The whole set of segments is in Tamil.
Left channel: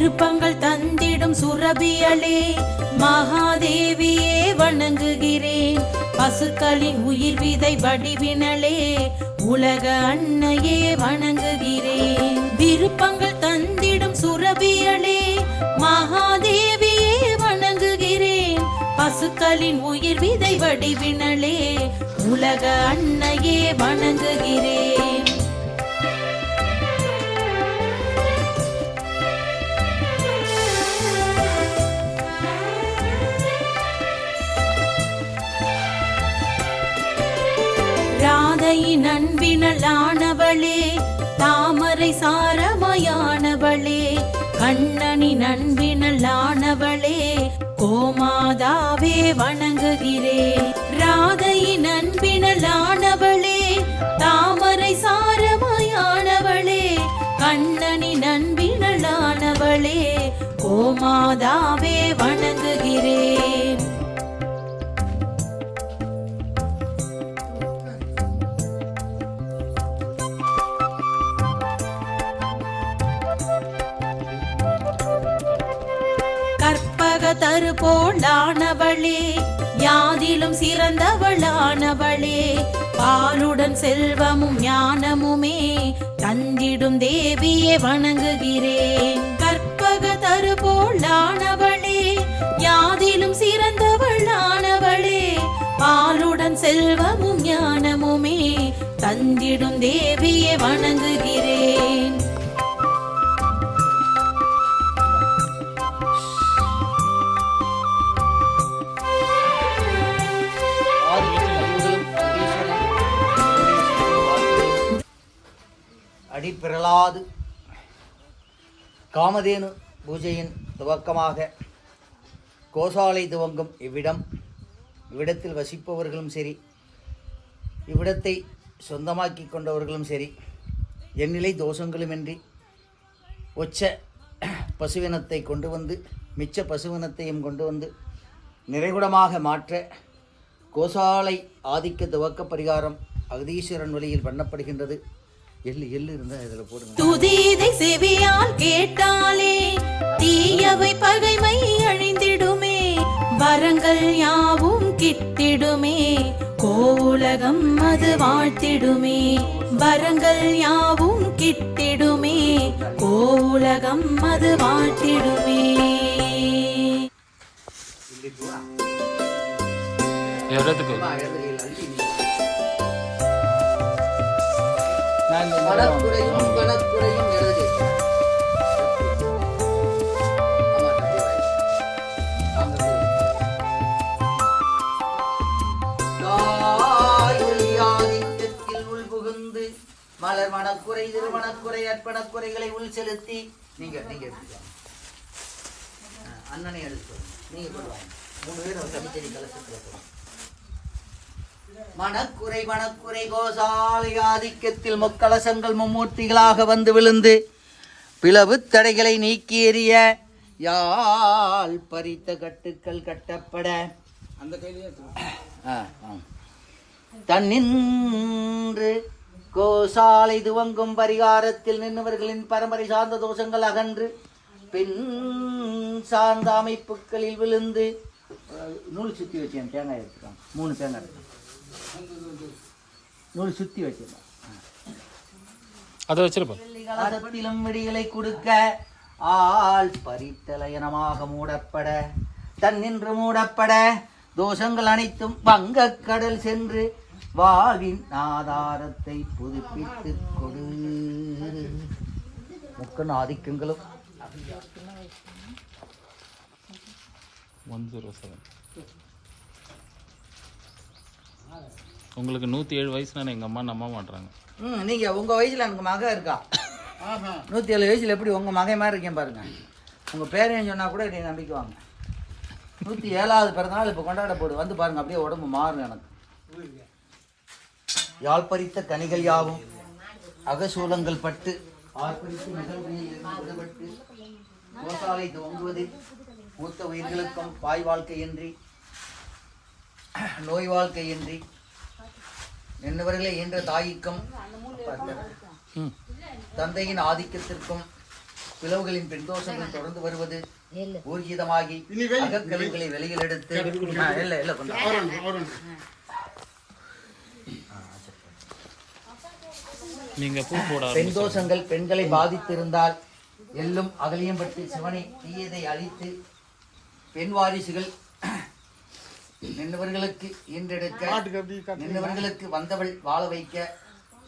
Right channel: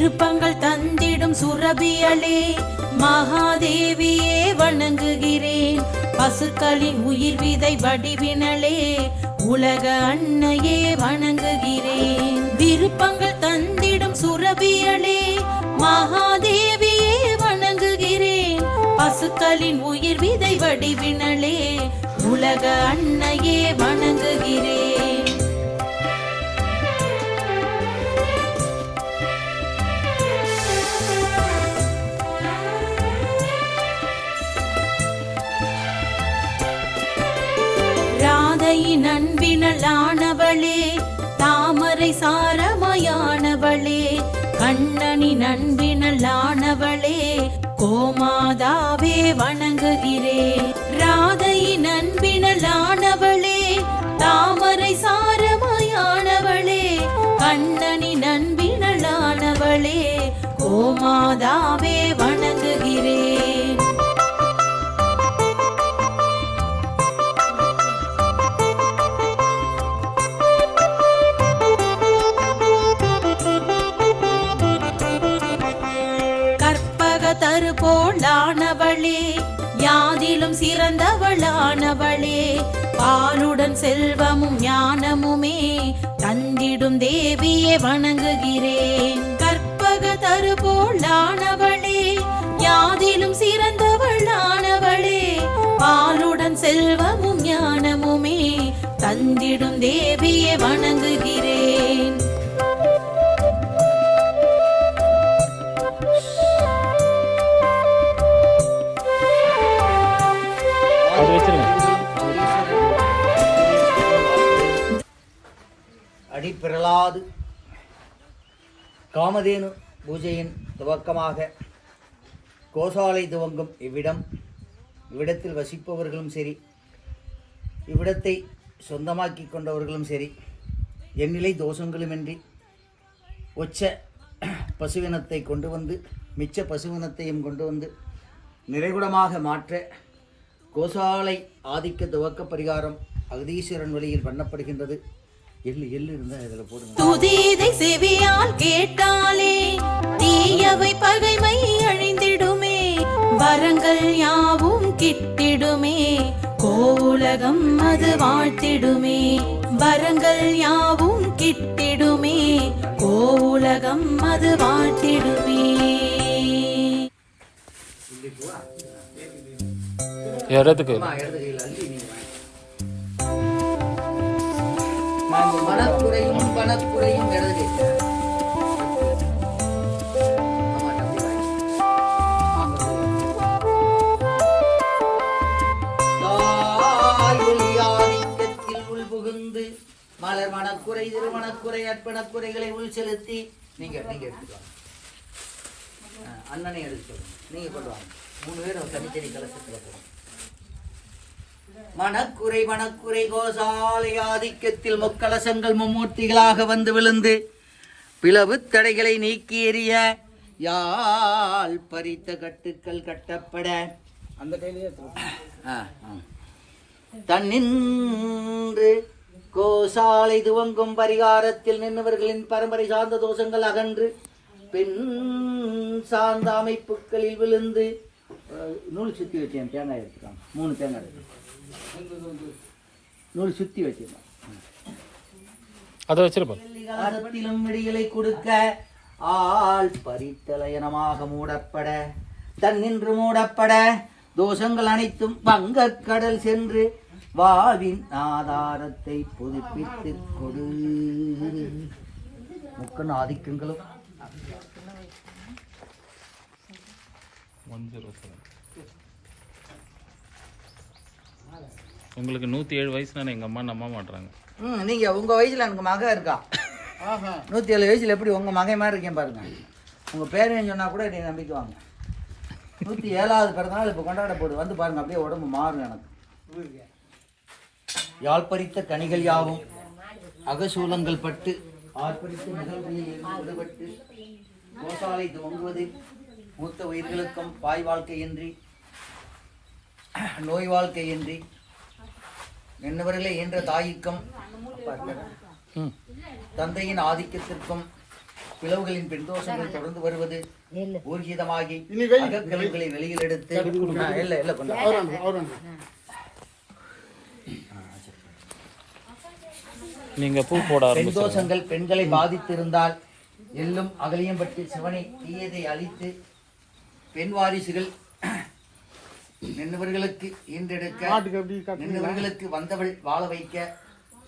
விருப்பங்கள் தந்திடும் சுரபியளே மகாதேவியே வணங்குகிறேன். பசுக்களின் உயிர் விதை வடிவினளே உலக அன்னையே வணங்குகிறேன். விருப்பங்கள் தந்திடும் சுரபியளே மகாதேவியே வணங்குகிறேன். பசுக்களின் உயிர் விதை வடிவினளே உலக அன்னையே வணங்குகிறேன். ராதையின் அன்பினளானவளே தாமரை சாரமாயானவளே கண்ணனின் அன்பினளானவளே கோமாதாவே வணங்குகிறேன். ராதையின் அன்பினளானவளே தாமரை சாரமாயானவளே கண்ணனின் அன்பினளானவளே கோமாதாவே வணங்குகிறேன். தருபோளானவளே யாதிலும் சிறந்தவளானவளே பாலுடன் செல்வமும் ஞானமுமே தந்திடும் தேவியே வணங்குகிறேன். கற்பக தருபோளானவளே யாதிலும் சிறந்தவளானவளே பாலுடன் செல்வமும் ஞானமுமே தந்திடும் தேவியே வணங்குகிறேன். அடிப்பிரலாது காமதேனு பூஜையின் துவக்கமாக கோசாலை துவங்கும் இவ்விடத்தில் வசிப்பவர்களும் சரி, இவ்விடத்தை சொந்தமாக்கி கொண்டவர்களும் சரி, எண்ணிலை தோஷங்களுமின்றி ஒச்ச பசுவினத்தை கொண்டு வந்து மிச்ச பசுவினத்தையும் கொண்டு வந்து நிறைகுடமாக மாற்ற கோசாலை ஆதிக்க துவக்க பரிகாரம் அகதீஸ்வரன் வழியில் பண்ணப்படுகின்றது. எள்ளு இருந்தா இதுல போடுங்க. துதிதை செவியால் கேட்டாலே தீயவை பகைமை அழிந்திடுமே, வரங்கள் யாவும் கிட்டிடுமே, கோவுலகம் அது வாழ்த்திடுமே. வரங்கள் யாவும் கிட்டிடுமே, கோவுலகம் அது வாழ்த்திடுமே. இடத்துக்கு மனக்குறையும் கணக்குறையும் எழுது. உள் புகுந்து மலர் மனக்குறை திருமணக்குறை அற்பனக்குறைகளை உள் செலுத்தி நீங்க எடுத்துக்கலாம். அண்ணனை எடுத்து நீங்க பண்ணுவாங்க. 3 பேரும் தனித்தனி கலசத்துல போகணும். மனக்குறை கோசாலை ஆதிக்கத்தில் முக்கலசங்கள் மும்மூர்த்திகளாக வந்து விழுந்து பிளவு தடைகளை நீக்கி எறிய யாழ் பறித்த கட்டுக்கள் கட்டப்பட அந்த தன்னின்று கோசாலை துவங்கும் பரிகாரத்தில் நின்றவர்களின் பரம்பரை சார்ந்த தோஷங்கள் அகன்று பெண் சார்ந்த அமைப்புகளில் விழுந்து நூல் சுத்தி வச்சேன். தேங்காய் எடுத்துக்காங்க. 3 தேங்காய் இருக்கு. நூல் சுத்தி வச்சிருந்தேன். அதை வச்சிருப்போம். விடிகளை கொடுக்க ஆள் பரித்தலயனமாக மூடப்பட தன்னின்று மூடப்பட தோஷங்கள் அனைத்தும் பங்கக் கடல் சென்று வாழ்வின் ஆதாரத்தை புதுப்பித்து கொடு. முக்கன் ஆதிக்கங்களும் 107. உங்களுக்கு 107 வயசுனா எங்கள் அம்மா நம்ப மாட்டுறாங்க. நீங்கள் உங்கள் வயசில் எனக்கு மகன் இருக்கா. 107 வயசில் எப்படி உங்கள் மகன் மாதிரி இருக்கேன் பாருங்க. உங்கள் பேரையும் சொன்னால் கூட என்னை நம்பிக்குவாங்க. 107வது பிறந்தநாள் இப்போ கொண்டாட போடு வந்து பாருங்க. அப்படியே உடம்பு மாறும். எனக்கு யாழ்பறித்த கனிகள் யாவும் அகசூலங்கள் பட்டு ஆர்ப்பரித்த நிகழ்வுகளில் விடுபட்டு கோசாலை துவங்குவது மூத்த உயிர்களுக்கும் பாய் வாழ்க்கையின்றி நோய் வாழ்க்கையின்றி என்னவர்களே என்ற தாய்க்கும் தந்தையின் ஆதிக்கத்திற்கும் பிளவுகளின் பெண் தோஷங்கள் தொடர்ந்து வருவது ஊர்ஜிதமாகி அகக்கழிவுகளை வெளியில் எடுத்து இல்ல கொண்டா நீங்க பூ போட பெண் தோஷங்கள் பெண்களை பாதித்திருந்தால் எள்ளும் அகலியம் பற்றி சிவனை தீயதை அழித்து பெண் வாரிசுகள் நின்றவர்களுக்கு ஈன்றெடுக்க நின்றவர்களுக்கு வந்தவள் வாழ வைக்க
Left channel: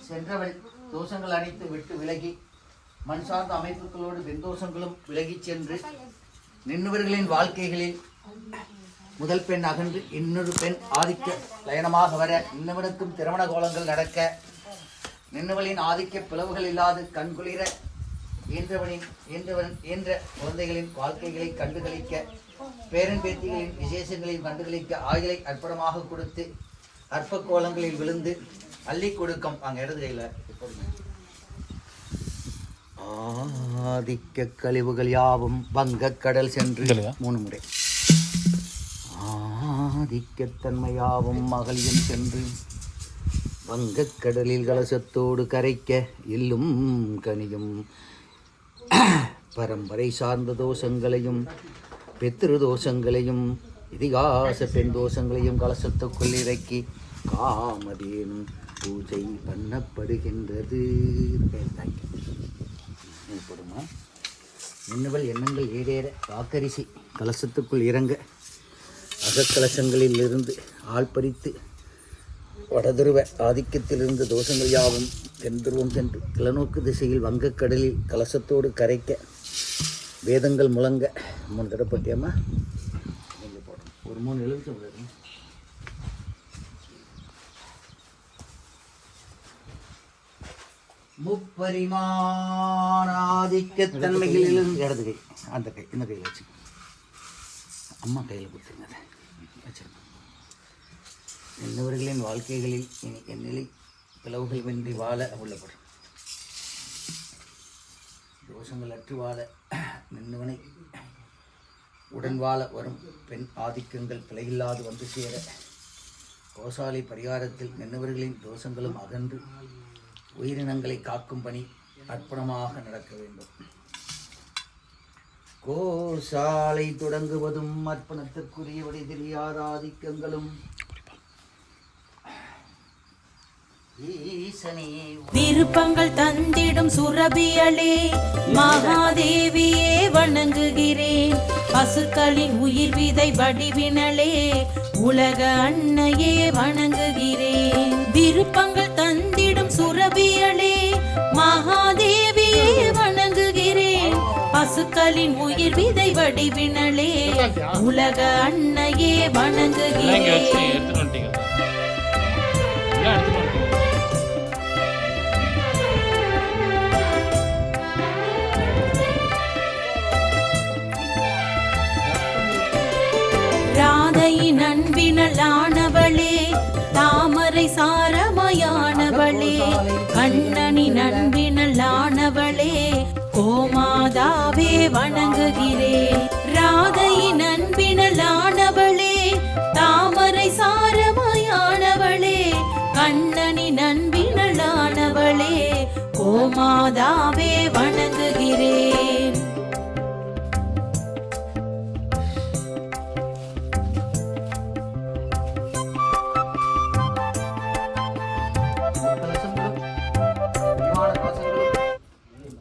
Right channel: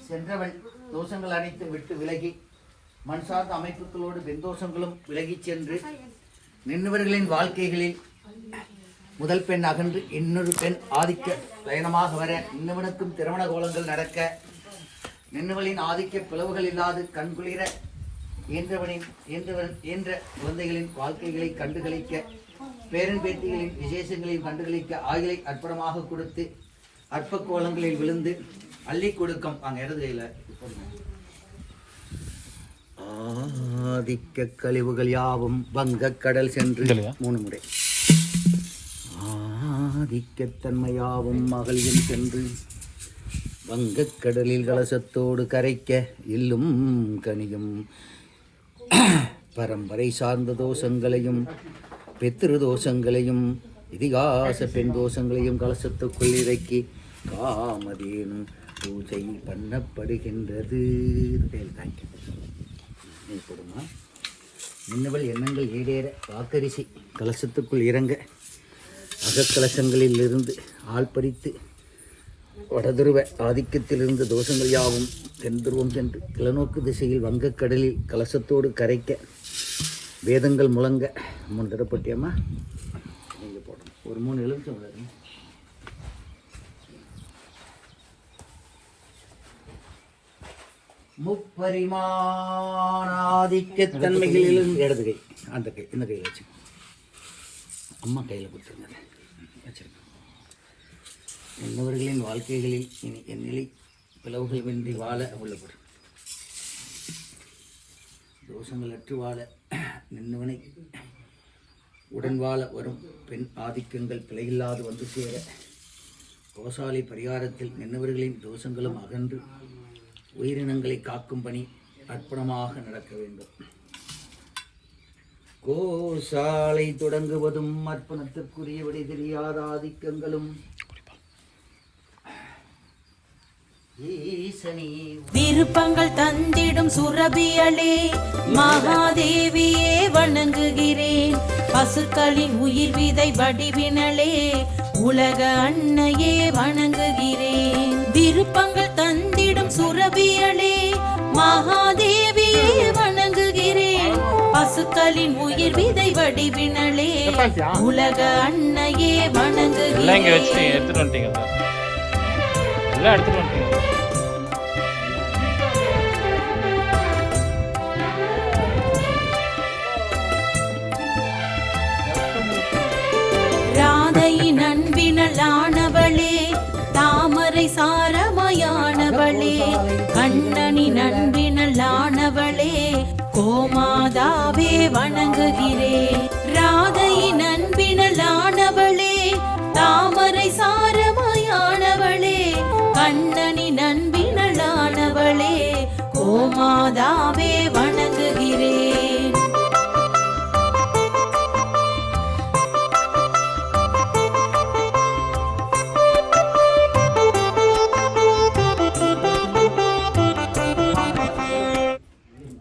சென்றவள் தோஷங்கள் அனைத்தும் விட்டு விலகி மண் சார்ந்த அமைப்புகளோடு பெண் தோஷங்களும் விலகிச் சென்று நின்றவர்களின் வாழ்க்கைகளில் முதல் பெண் அகன்று இன்னொரு பெண் ஆதிக்க லயனமாக வர இன்னவனுக்கும் திருமண கோலங்கள் நடக்க நின்றவளின் ஆதிக்க பிளவுகள் இல்லாது கண்குளிர இயன்ற குழந்தைகளின் வாழ்க்கைகளை கண்டுகளிக்க பேரன் பேத்திகளின் விசேஷங்களையும் கண்டுகளிக்க ஆயிலை அற்புதமாக கொடுத்து அற்ப கோலங்களில் விழுந்து அள்ளி கொடுக்கும் அங்க இடது கையில ஆதிக்க கழிவுகள் யாவும் வங்கக் கடல் சென்று 3 முறை ஆதிக்கத்தன்மையாவும் மகளிரும் சென்று வங்கக் கடலில் கலசத்தோடு கரைக்க எள்ளும் கனியும் பரம்பரை சார்ந்த தோஷங்களையும் பித்ரு தோஷங்களையும் இதிகாச பெண் தோஷங்களையும் கலசத்துக்குள் இறக்கி காமதேனும் பூஜை பண்ணப்படுகின்றது. போடுமா மின்னவள் எண்ணங்கள் ஈடேற வாக்கரிசி கலசத்துக்குள் இறங்க அகக்கலசங்களில் இருந்து ஆள் பறித்து வடதுருவ ஆதிக்கத்திலிருந்து தோஷங்கள் யாவும் தென்துருவம் சென்று கிழநோக்கு திசையில் வங்கக்கடலில் கலசத்தோடு கரைக்க வேதங்கள் முழங்க 3 தடவை போட்டியாமா நீங்கள் போடணும். ஒரு 3 எலுமிச்சம் முப்பரிமாண ஆதிக்கத்தன்மைகளிலிருந்து இடது கை அந்த கை இந்த கையில் வச்சு அம்மா கையில் கொடுத்துருங்க வச்சிருங்க. என்னவர்களின் வாழ்க்கைகளில் இனி என் நிலை பிளவுகள் வென்றி வாழ உள்ளப்படும் தோஷங்கள் அற்று வாழ நின்னவனை உடன் வாழ வரும் பெண் ஆதிக்கங்கள் பிழையில்லாது வந்து சேர கோசாலை பரிகாரத்தில் நின்னவர்களின் தோஷங்களும் அகன்று உயிரினங்களை காக்கும் பணி அற்புதமாக நடக்க வேண்டும். கோசாலை தொடங்குவதும் அர்ப்பணத்திற்குரியபடி தெரியாத ஆதிக்கங்களும் விருப்பங்கள் தந்திடும் சுரபியலே மகாதேவியே வணங்குகிறேன். பசுக்களின் உயிர் விதை வடிவினலே உலக அன்னையே வணங்குகிறேன். விருப்பங்கள் தந்திடும் சுரபியலே மகாதேவியே வணங்குகிறேன். பசுக்களின் உயிர் விதை வடிவினலே உலக அன்னையே வணங்குகிறேன். ராதையின் அன்பினலானவளே தாமரை சாரமயானவளே கண்ணனின் அன்பினலானவளே கோமாதாவே வணங்குகிறேன். ராதையின் அன்பினலானவளே தாமரை சாரமயானவளே கண்ணனின் அன்பினலானவளே கோமாதாவே வணங்குகிறேன்.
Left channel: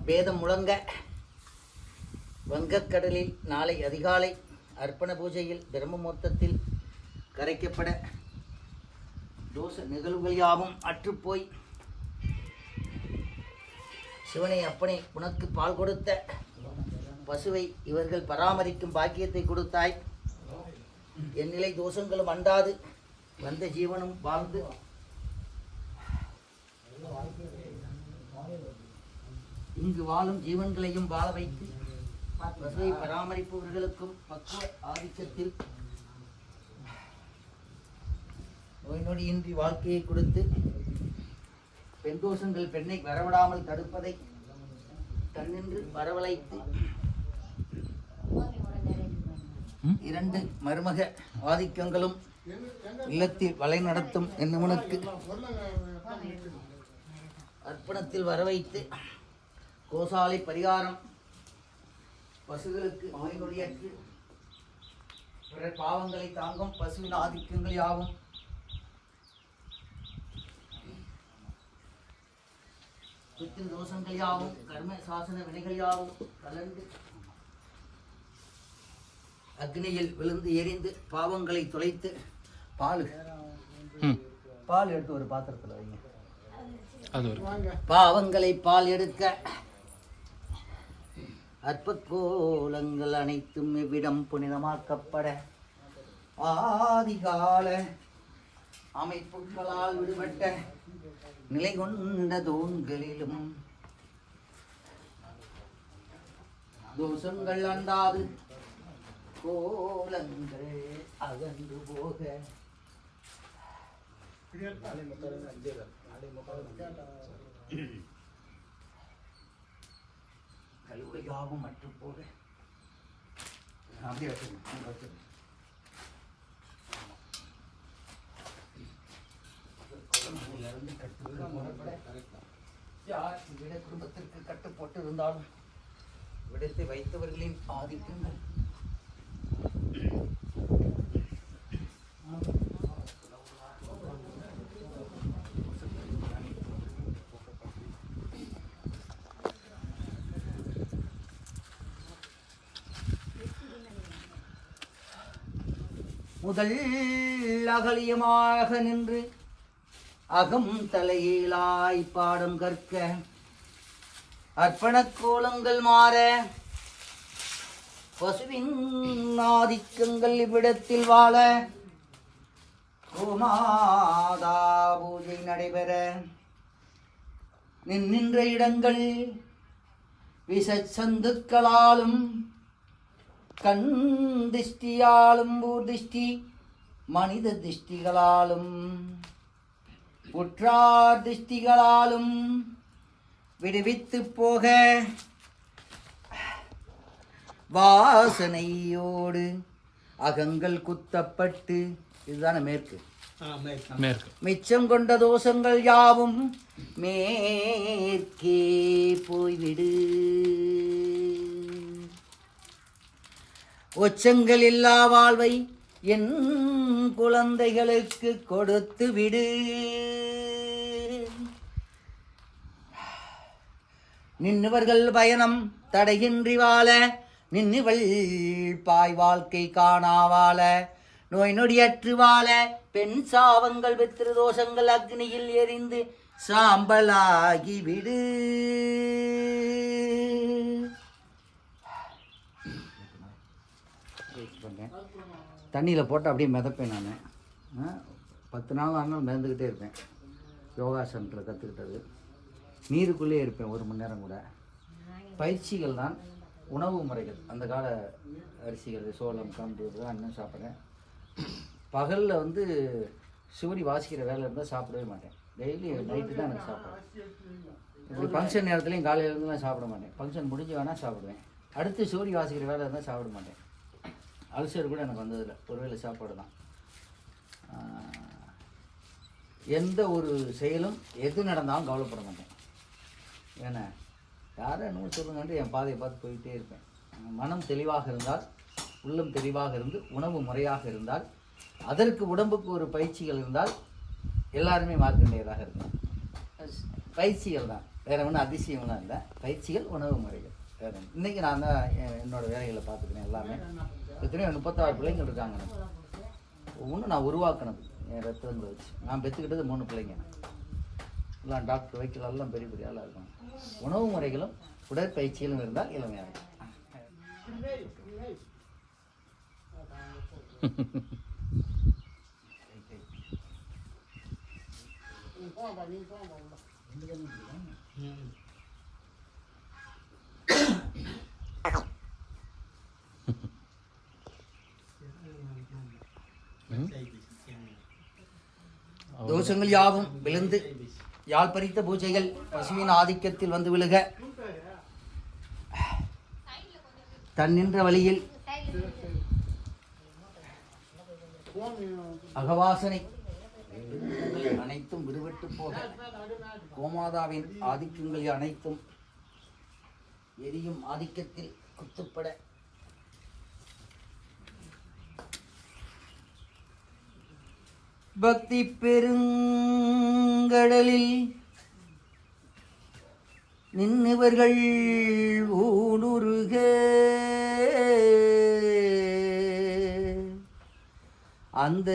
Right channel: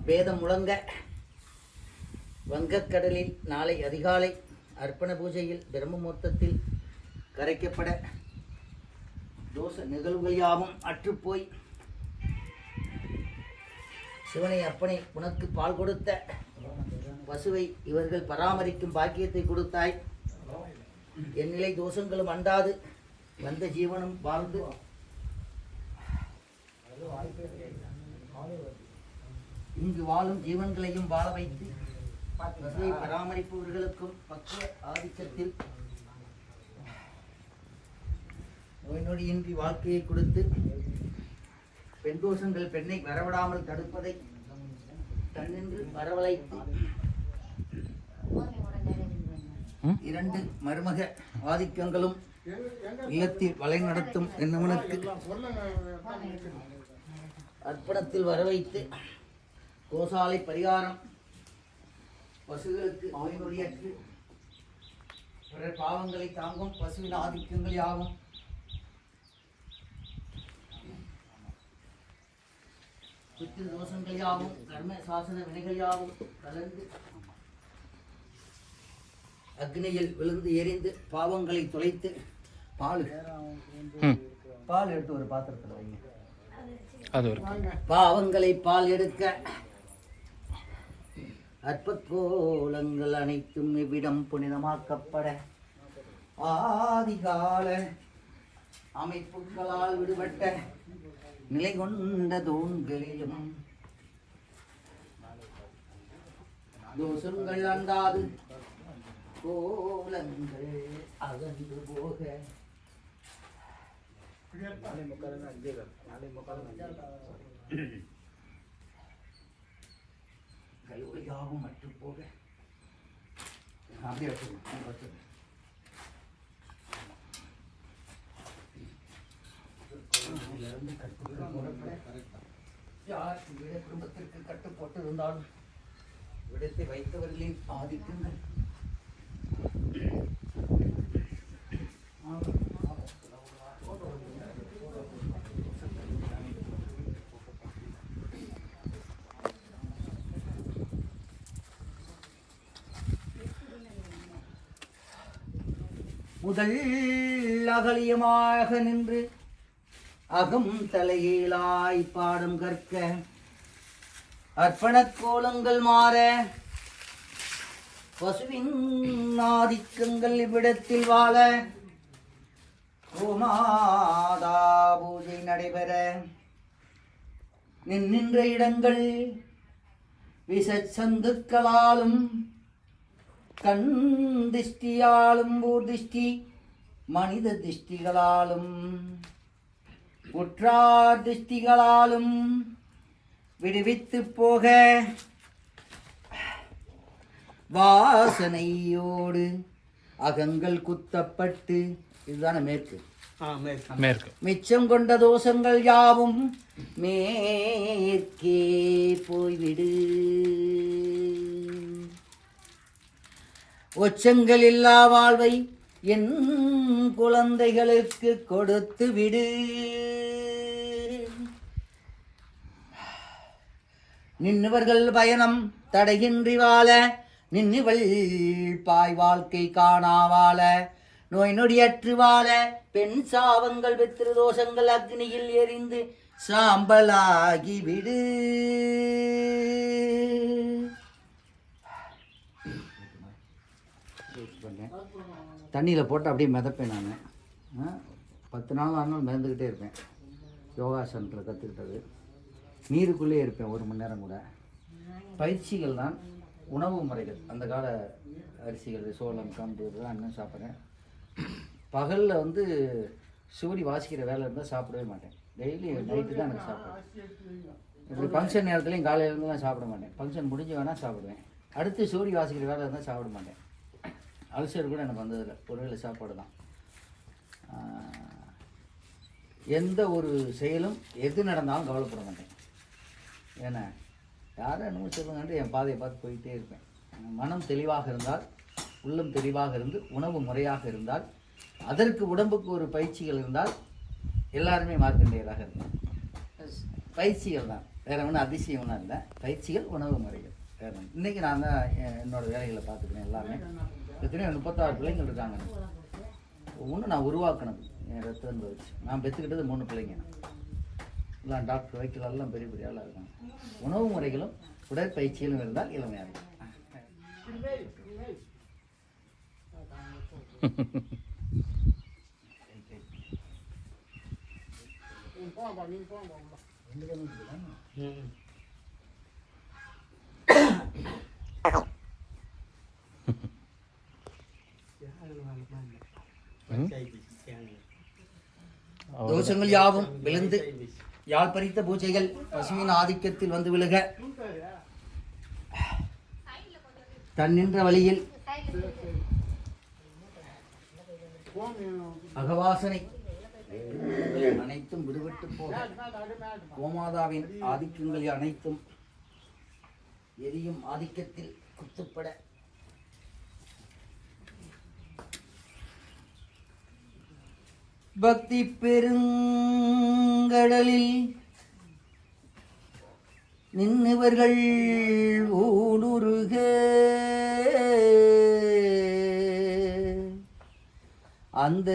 வேதம் முழங்க வங்கக்கடலில் நாளை அதிகாலை அர்ப்பண பூஜையில் பிரம்ம முகூர்த்தத்தில் கரைக்கப்பட தோஷ நிகழ்வுகள் யாவும் அற்றுப்போய் சிவனை அப்பனை உனக்கு பால் கொடுத்த பசுவை இவர்கள் பராமரிக்கும் பாக்கியத்தை கொடுத்தாய். என் நிலை தோஷங்களும் அண்டாது வந்த ஜீவனும் வாழ்ந்து இங்கு வாழும் ஜீவன்களையும் வாழ வைத்து பசுவை பராமரிப்பவர்களுக்கும் பக்குவ ஆதிக்கத்தில் நோய் நொடியின்றி வாழ்க்கையை கொடுத்து பெண் தோஷங்கள் பெண்ணை வரவிடாமல் தடுப்பதை தன்னின்று வரவழைத்து 2 மருமக ஆதிக்கங்களும் இல்லத்தில் வலை நடத்தும் என்னவனுக்கு அர்ப்பணத்தில் வரவைத்து கோசாலை பரிகாரம் பசுகளுக்கு நோய்நொடியற்று பிறர் பாவங்களை தாங்கும் பசுவின் ஆதிக்கங்கள் யாவும் பித்ரு தோஷங்கள் யாவும் கர்ம சாசன வினைகள் யாவும் கலந்து அக்னியில் விழுந்து எரிந்து பாவங்களை தொலைத்து பால் எடுத்து ஒரு பாத்திரத்தில் வைங்க. பாவங்களை பால் எடுக்க அற்ப கோலங்கள் அனைத்தும் இவ்விடம் புனிதமாக்கப்பட ஆதிகால அமைப்புகளால் விடுபட்ட நிலை கொண்ட தூண்களிலும் தோஷங்கள் அண்டாது கோலங்கள் அகன்று போக கழுவையாவும் மற்றும் போக அப்படியே வச்சுக்கணும். யார் விட குடும்பத்திற்கு கட்டுப்பட்டு இருந்தாலும் விடத்தை வைத்தவர்களின் ஆதிக்கங்கள் முதல் அகலியமாக நின்று அகம் தலையீழாய் பாடம் கற்க அர்ப்பணக் கோலங்கள் மாற பசுவின் ஆதிக்கங்கள் இவ்விடத்தில் வாழ கோமாதா பூஜை நடைபெற நின்ற இடங்கள் விஷச்சந்துக்களாலும் கண் திஷ்டியாலும் பூர்திஷ்டி மனித திஷ்டிகளாலும் உற்றார் திஷ்டிகளாலும் விடுவித்து போக வாசனையோடு அகங்கள் குத்தப்பட்டு இதுதானே மேற்கு மிச்சம் கொண்ட தோஷங்கள் யாவும் மேற்கே போய்விடு. ஒச்சங்கள் இல்லா வாழ்வை என் குழந்தைகளுக்கு கொடுத்து விடு. நின்னுவர்கள் பயணம் தடையின்றி வாழ நின்னுவள் பாய் வாழ்க்கை காணாவாழ நோய் நொடியற்று வாழ பெண் சாவங்கள் பித்ரு தோஷங்கள் அக்னியில் எரிந்து சாம்பலாகி விடு. தண்ணியில் போட்டு அப்படியே மிதப்பேன் நான். 10 நாள் ஆனாலும் மிதந்துக்கிட்டே இருப்பேன். யோகாசனத்தில் கற்றுக்கிட்டது. நீருக்குள்ளே இருப்பேன் 1 மணி நேரம் கூட. பயிற்சிகள் தான் உணவு முறைகள். அந்த கால அரிசிகள் சோளம் கம்பு இதெல்லாம் இன்னும் சாப்பிட்றேன். பகலில் வந்து சூரி வாசிக்கிற வேலை இருந்தால் சாப்பிடவே மாட்டேன். டெய்லி நைட்டு தான் எனக்கு சாப்பிடுவேன். இப்படி ஃபங்க்ஷன் நேரத்துலையும் காலையிலேருந்துலாம் சாப்பிட மாட்டேன். ஃபங்க்ஷன் முடிஞ்சு வேணால் சாப்பிடுவேன். அடுத்து சூரி வாசிக்கிற வேலை இருந்தால் சாப்பிட மாட்டேன். அல்சர் கூட எனக்கு வந்ததில்லை. ஒருவேளை சாப்பாடு தான். எந்த ஒரு செயலும் எது நடந்தாலும் கவலைப்பட மாட்டேன். ஏன்னா யாரும் என்னமோ சொல்லுங்கன்ட்டு என் பாதையை பார்த்து போயிட்டே இருப்பேன். மனம் தெளிவாக இருந்தால், உள்ளம் தெளிவாக இருந்து, உணவு முறையாக இருந்தால், அதற்கு உடம்புக்கு ஒரு பயிற்சிகள் இருந்தால் எல்லாருமே மார்க்கண்டேயராக இருக்கும். பயிற்சிகள் தான், வேறு ஒன்றும் அதிசயம்லாம் இல்லை. பயிற்சிகள், உணவு முறைகள் வேறு. இன்றைக்கி நான் தான் என்னோடய வேலைகளை பார்த்துக்கிறேன். எல்லாமே எத்தனையோ 36 பிள்ளைங்கள் இருக்காங்க. ஒவ்வொன்றும் நான் உருவாக்கினது என் ரத்தங்களை வச்சு. நான் பெற்றுக்கிட்டது 3 பிள்ளைங்க. எல்லாம் டாக்டர் வைக்கல் எல்லாம் பெரிய பெரிய ஆளாக இருக்காங்க. உணவு முறைகளும் உடற்பயிற்சிகளும் இருந்தால் இளமையாக இருக்கும். தோஷங்கள் யாவும் விழுந்து யாழ் பறித்த பூஜைகள் பசுவின் ஆதிக்கத்தில் வந்து விழுக தன் நின்ற வழியில் அகவாசனை அனைத்தும் விடுபட்டு போக கோமாதாவின் ஆதிக்கங்கள் அனைத்தும் எரியும் ஆதிக்கத்தில் குத்துப்பட பக்தி பெருங்கடலில் நின்னவர்கள் ஊடுருக அந்த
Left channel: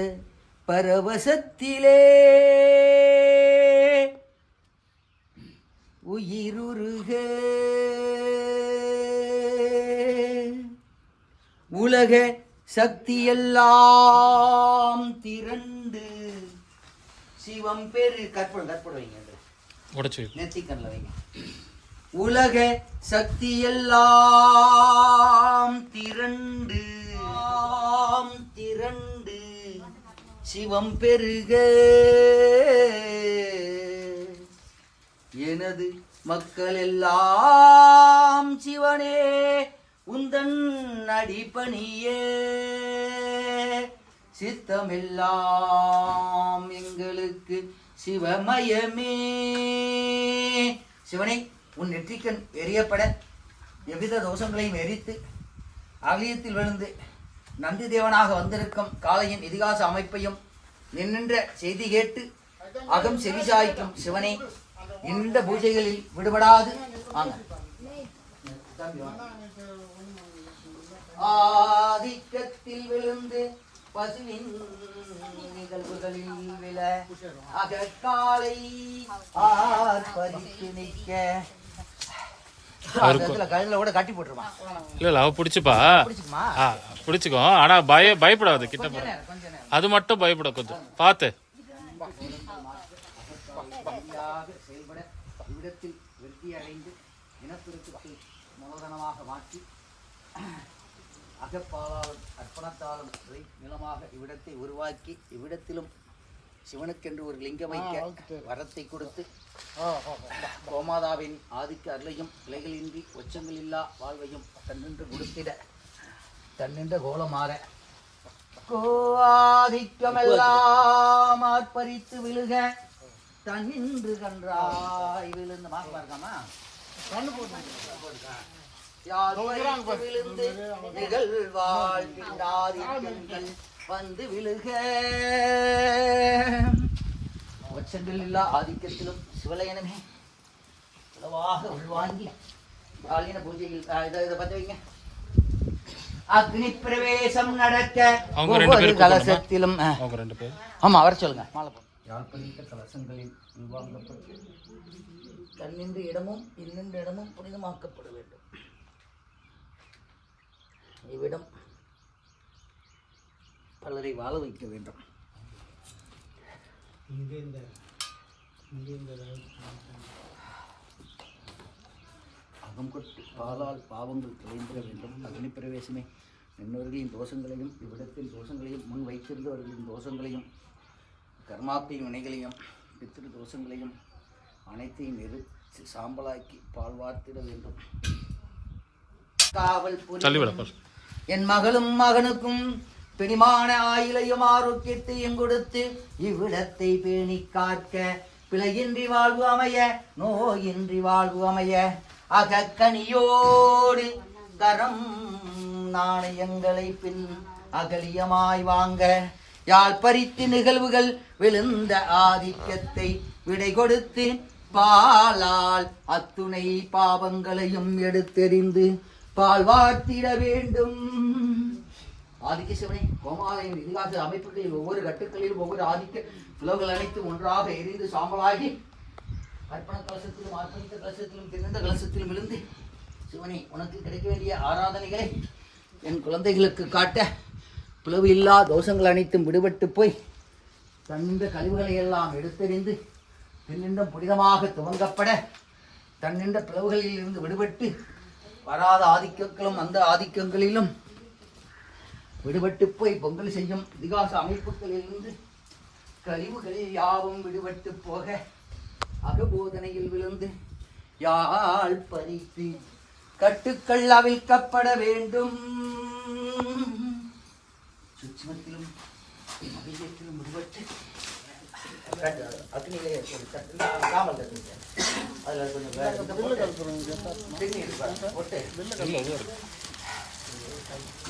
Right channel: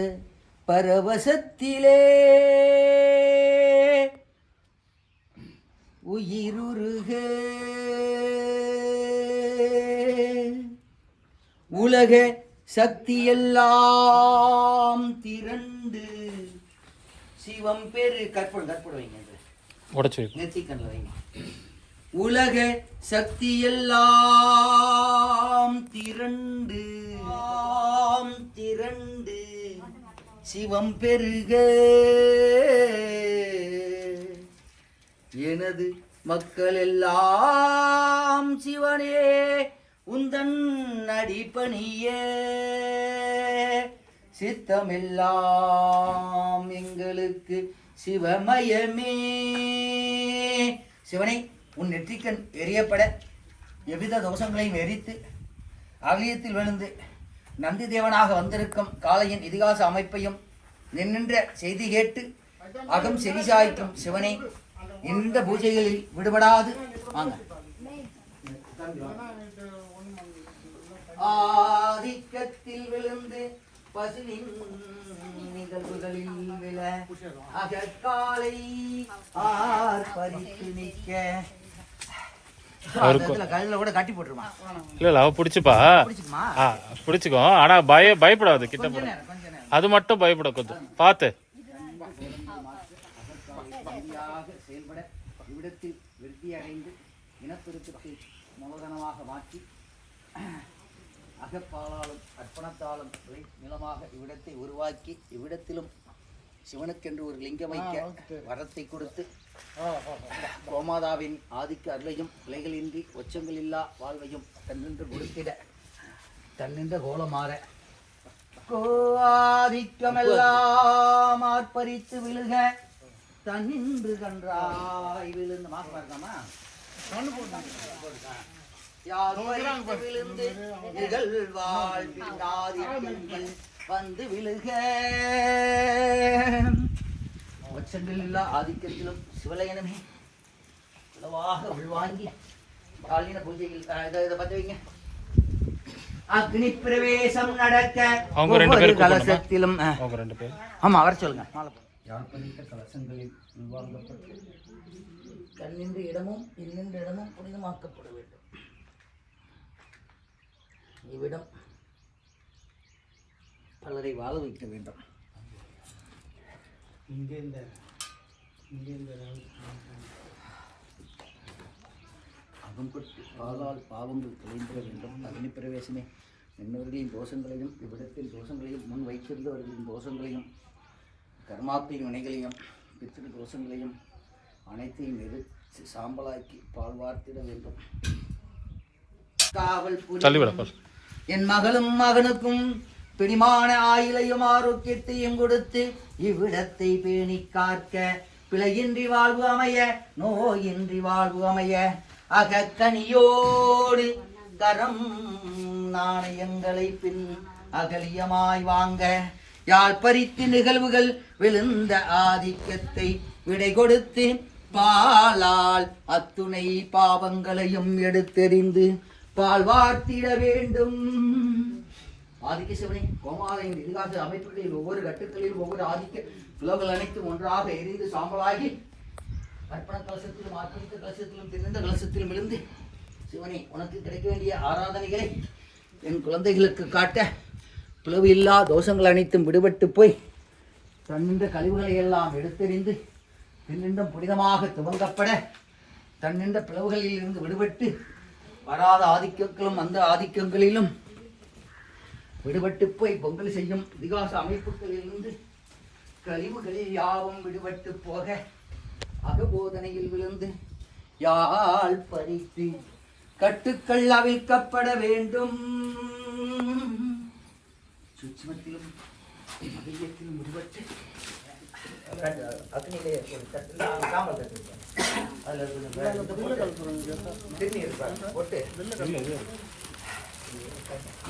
பரவசத்திலே உயிருருக உலக சக்தியெல்லாம் திரண்டு சிவம் பெரு கற்பனை வைங்க உடச்சு நெத்திக்கண்ணில் வைங்க. உலக சக்தியெல்லாம் திரண்டு சிவம் பெருக எனது மக்கள் எல்லாம் சிவனே உந்தன் அடிபணிய சித்தமெல்லாம் எங்களுக்கு சிவமயமே. சிவனை உன் நெற்றிக்கண் எரியப்பட எவ்வித தோஷங்களையும் எரித்து அகலியத்தில் விழுந்து நந்தி தேவனாக வந்திருக்கும் காளையின் இதிகாச அமைப்பையும் நின்ற செய்தி கேட்டு அகம் செவிசாய்க்கும் சிவனை இந்த பூஜைகளில் விடுபடாது வாங்க. ஆதிக்கத்தில் விழுந்து பசுவின் நிகழ்வுகளில் விழ அகக்காலை ஆர்ப்பரித்து நிற்க கழுத்துல கூட கட்டி போட்டுருமா? இல்ல அவ பிடிச்சுப்பா பிடிச்சுக்கோ. ஆனா பயப்படாது கிட்ட போற அது மட்டும் பயப்பட கொஞ்சம் பார்த்து செயல்பட இவ்விடத்தில் விருத்தி அடைந்து இனப்பெருக்கத்தை மூலதனமாக மாற்றி அகப்பாலாலும் அர்ப்பணத்தாலும் நிலமாக இவ்விடத்தை உருவாக்கி இவ்விடத்திலும் சிவனுக்கென்று ஒரு லிங்கம் வைக்க வரத்தை கொடுத்து கோமாதாவின் ஆதிக்க அருளையும் பிழைகளின்றி ஒச்சங்கள் இல்லா வாழ்வையும் தன்னின்று கொடுத்திட தன்னின்ற கோலமாற கோஆதிக்கமெல்லாம் ஆர்ப்பரித்து விழுக தன்னின்று கன்றாய் விழுந்து மாசமா இருக்காமா விழுந்து நிகழ்வாழ் வந்து விழுக ஒச்சங்கள் இல்லா ஆதிக்கத்திலும் சிவலையனமே உளவாக உள்வாங்கி காலின பூஜையில் இதை பத்தி வைங்க. அக்னி பிரவேசம் நடக்க அவங்க 2 பேரும் கலசத்திலும் அவங்க 2 பேர் ஆமா அவர் சொல்லுங்க. யாழ்ப்பணித்த கலசங்களில் உள்வாங்கப்பட்டு கண்ணின்ற இடமும் இன்னின்ற இடமும் புனிதமாக்கப்பட வேண்டும். இவ்விடம் பலரை வாழ வைக்க வேண்டும். அகம் கொட்டு பாலால் பாவங்கள் தொலைந்திட வேண்டும். அக்னி பிரவேசமே என்னவர்களின் தோஷங்களையும் இவ்விடத்தில் தோஷங்களையும் முன் வைத்திருந்தவர்களின் தோஷங்களையும் கர்மாக்களின் வினைகளையும் பித்திரு தோஷங்களையும் அனைத்தையும் எரித்து சாம்பலாக்கி பால் வார்த்திட வேண்டும். காவல் என் மகளும் மகனுக்கும் பிடிமான ஆயிலையும் ஆரோக்கியத்தையும் கொடுத்து இவ்விடத்தை பேணி காக்க பிழையின்றி வாழ்வு அமைய நோயின்றி வாழ்வு அமைய அகக்கனியோடு கரம் நாணயங்களை பின் அகலியமாய் வாங்க யாழ் பறித்து நிகழ்வுகள் விழுந்த ஆதிக்கத்தை விடை கொடுத்து பாலால் அத்துணை பாவங்களையும் எடுத்தெறிந்து பால் வார்த்திட வேண்டும். ஆதிக்க சிவனை கோமாலையின் இதிகாச அமைப்புகளில் ஒவ்வொரு கட்டுக்களிலும் ஒவ்வொரு ஆதிக்க புலவுகள் அனைத்தும் ஒன்றாக எரிந்து சாம்பலாகி அர்ப்பண கலசத்திலும் ஆர்ப்பணித்த கலசத்திலும் திறந்த கலசத்திலும் விழுந்து சிவனை உனக்கு கிடைக்க வேண்டிய ஆராதனைகளை என் குழந்தைகளுக்கு காட்ட பிளவு இல்லா தோஷங்கள் அனைத்தும் விடுபட்டு போய் தன்னின்ற கழிவுகளை எல்லாம் எடுத்தெறிந்து பின்னின்றும் புனிதமாக துவங்கப்பட தன்னின்ற பிளவுகளில் இருந்து விடுபட்டு வராத ஆதிக்கங்களும் அந்த ஆதிக்கங்களிலும் விடுபட்டு போய் பொங்கல் செய்யும் இதிகாச அமைப்புகளிலிருந்து கழிவுகளில் யாவும் விடுபட்டு போக அகபோதனையில் விழுந்து யாழ் பறித்து கட்டுக்கள் அவிழ்க்கப்பட வேண்டும். சூட்சுமத்திலும் மகிழ்ச்சியிலும் விடுபட்டு அக்னியிலே ஒரு காமல் கட்டு அதில் போட்டு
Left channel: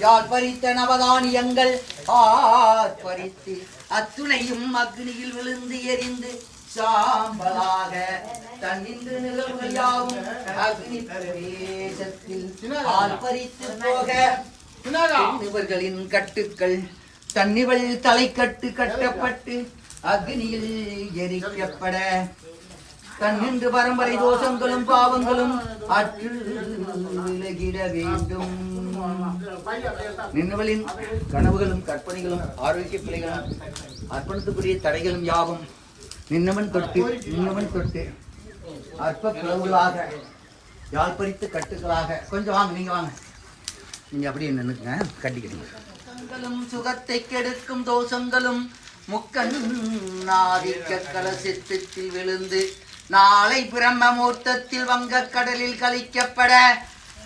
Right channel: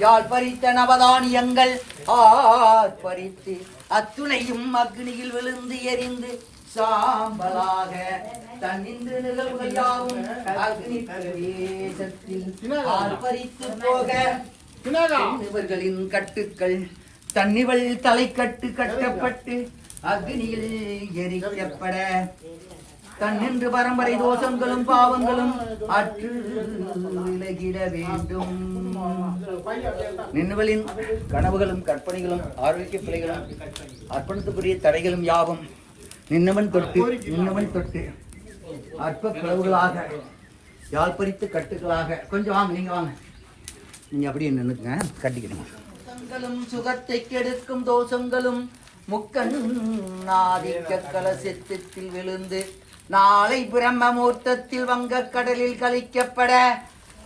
யாழ் பறித்த நவதானியங்கள் ஆர்ப்பரித்து அத்துணையும் அக்னியில் விழுந்து எரிந்து சாம்பலாக தன்னின்று நிகழ்வுயாவும் அக்னி பிரவேசத்தில் ஆர்ப்பரித்து போக இவர்களின் கட்டுக்கள் தன்னிவள் தலைக்கட்டு கட்டப்பட்டு அக்னியில் எரிக்கப்பட தன்னின்று பரம்பரை தோஷங்களும் பாவங்களும் அற்று விலகிட வேண்டும். நின்றுவளின் கனவுகளும் கற்பனைகளும் ஆரோக்கிய பிள்ளைகளும் அர்ப்பணித்துக்கூடிய தடைகளும் யாவும் நின்னவன் தொட்டு அற்ப பிளவுகளாக யாழ்பறித்து கட்டுகளாக கொஞ்சம் வாங்க, நீங்க வாங்க, நீங்க அப்படியே நின்னுக்குங்க, கட்டிக்கணும். சுகத்தை கெடுக்கும் தோஷங்களும் முக்கண்ணாதிக்க கலசத்தில் விழுந்து நாளை பிரம்மமூர்த்தத்தில் வங்கக் கடலில் கழிக்கப்பட